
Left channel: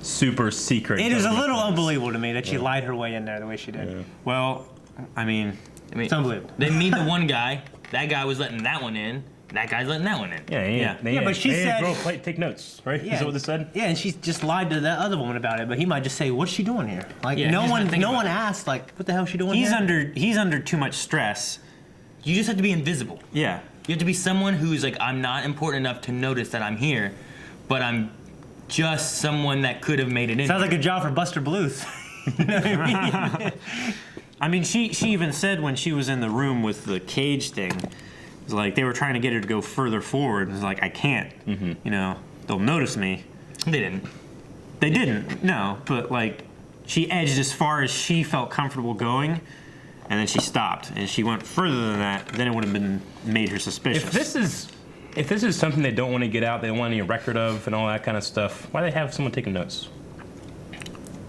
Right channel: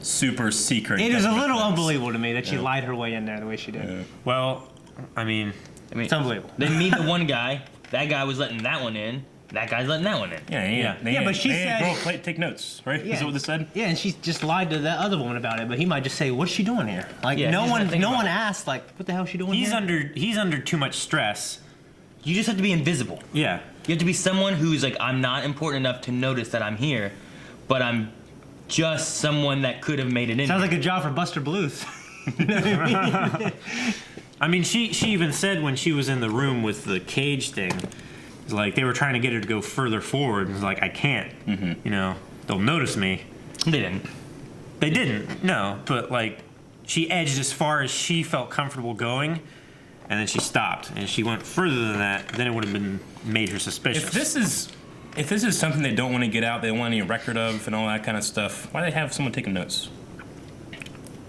super secret. It is a government little rooms. unbelievable to me that she lied her way in there the way she did. Well, I mean, it's unbelievable. They meet the one guy, that guy was letting that one in. That guy's letting that one in. Yeah. But she said, bro, take notes, right? Yeah. Is that what they said? Yeah, and she just lied to that other woman about it. But he might just say, "What's she doing here?" Like no one asked. Like, what the hell is she doing here? He's under too much stress. You just have to be invisible. Yeah. You have to be someone who's like, I'm not important enough to notice that I'm here, but I'm just someone that could have made it in. Sounds like a job for Buster Bluth. You know what I mean? I mean, she even said when she was in the room with the cage thing, it's like they were trying to get her to go further forward, and it's like, I can't. You know, they'll notice me. They didn't. They didn't. No, but like she edged as far as she felt comfortable going, and then she stopped, and she went further than that. Then it would have been made her suspicious. If this is something they don't want to get out, they don't want any record of, and all that kind of stuff, why do they have someone taking notes?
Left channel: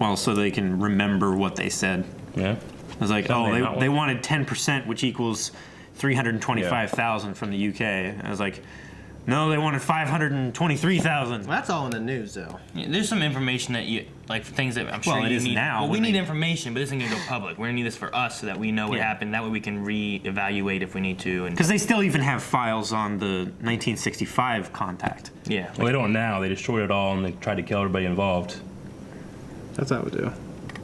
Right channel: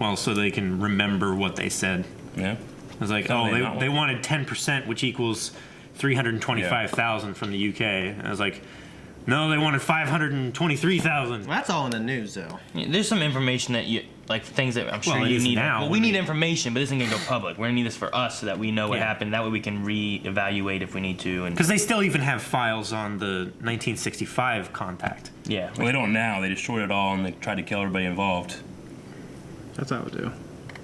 Well, so they can remember what they said. Yeah. It was like, they wanted 10%, which equals 325,000 from the UK. And I was like, no, they wanted 523,000. That's all in the news, though. Yeah, there's some information that you like, things that I'm sure you need. Well, we need information, but this isn't gonna go public. We're gonna need this for us so that we know what happened. That way we can reevaluate if we need to. Because they still even have files on the 1965 contact. Yeah. Well, they don't now. They destroyed it all and they tried to kill everybody involved. That's how we do.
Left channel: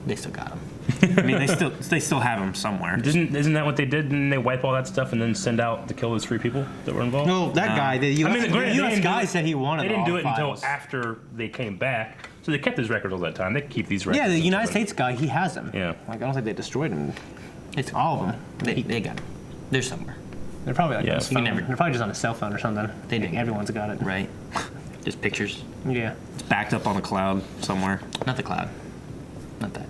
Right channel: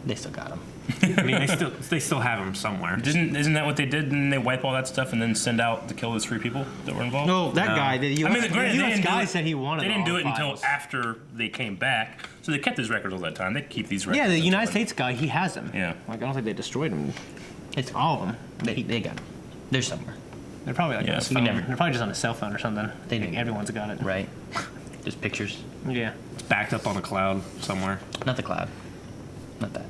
They still got him. I mean, they still have him somewhere. Isn't that what they did? Didn't they wipe all that stuff and then send out to kill those 3 people that were involved? No, that guy, the US guy said he wanted. They didn't do all it files. until after they came back. So they kept his records all that time. They keep these records. Yeah, the United States guy, he has them. Yeah. Like, I don't think they destroyed them. It's all of them. They got them. They're somewhere. They're probably like on his phone. never- They're probably just on a cell phone or something. They do. Everyone's got it. Right. Just pictures. Yeah. It's backed up on a cloud somewhere. Not the cloud. Not that.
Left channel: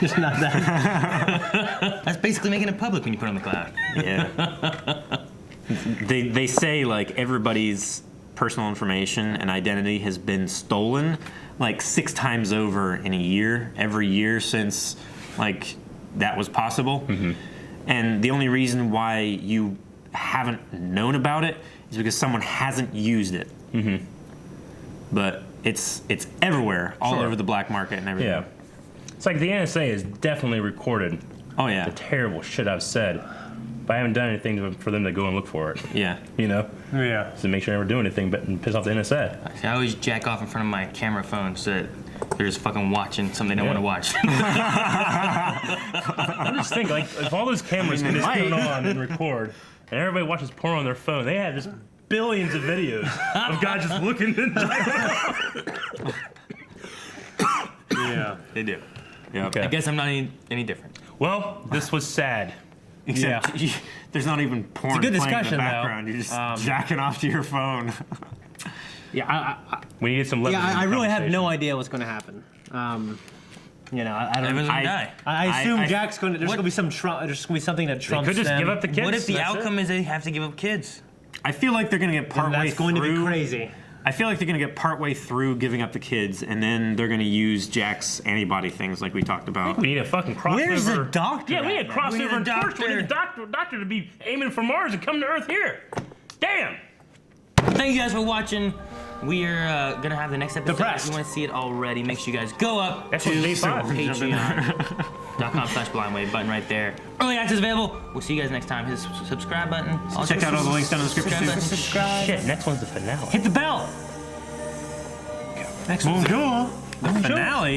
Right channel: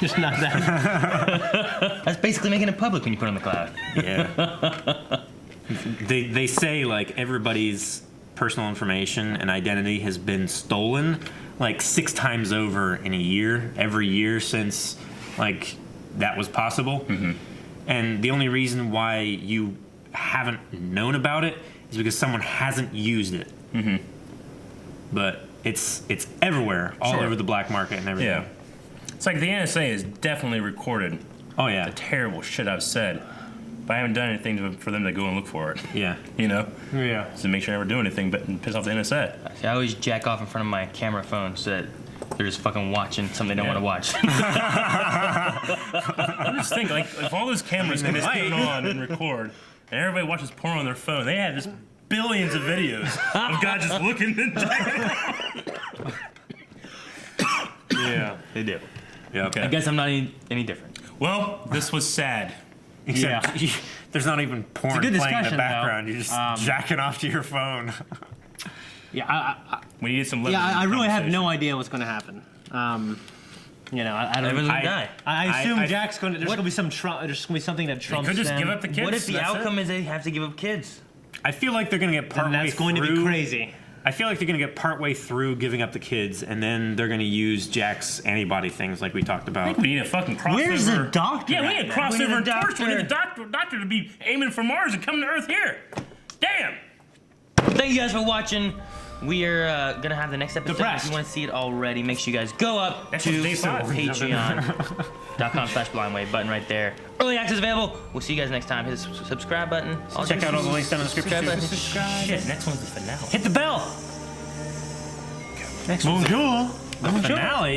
Just not that. That's basically making it public when you put it on the cloud. Yeah. they say like everybody's personal information and identity has been stolen like 6 times over in a year, every year since like that was possible. And the only reason why you haven't known about it is because someone hasn't used it. But it's everywhere, all over the black market and everything. Yeah. It's like the NSA has definitely recorded the terrible shit I've said, but I haven't done anything for them to go and look for it. Yeah. You know? Yeah. So make sure I never do anything but piss off the NSA. I always jack off in front of my camera phone so that they're just fucking watching something they don't want to watch. I just think, like, if all those cameras can just turn on and record, and everybody watches porn on their phone, they have just billions of videos of guys just looking at Yeah. They do. Yeah. Okay. I guess I'm not any different. Well, this was sad. Except there's not even porn good playing in the discussion, background. though. You're just jacking off to your phone. Yeah, we need some. I really have no idea what's going to happen. You know, I don't. Everyone's gonna die. I assume Jack's going to. There's going to be some. There's going to be something that trumps could just them. give up the kids. What if the outcome is they have to give up kids? I feel like they're going to get partway That's going to be crazy. I feel like they're going to get partway through giving up the kids, and then they're going to use Jack's antibody things like we talked about. We need a fucking crossover. Where's the doctor? Yeah, we need a crossover in Torchwood. We need a doctor. doctor to be aiming for Mars and come to Earth here. Damn. Thank you guys for watching. We are gonna have the next episode. Depressed. If you want to see it already, make sure you guys go up to day 5. Patreon.com/blindwave button right there. Early access available. We'll see you guys next time. Hit the subscribe button. Check out all the links down in the description. Subscribe. Shit, next one's the finale. Hit the bell. Next one's Bonjour. the finale.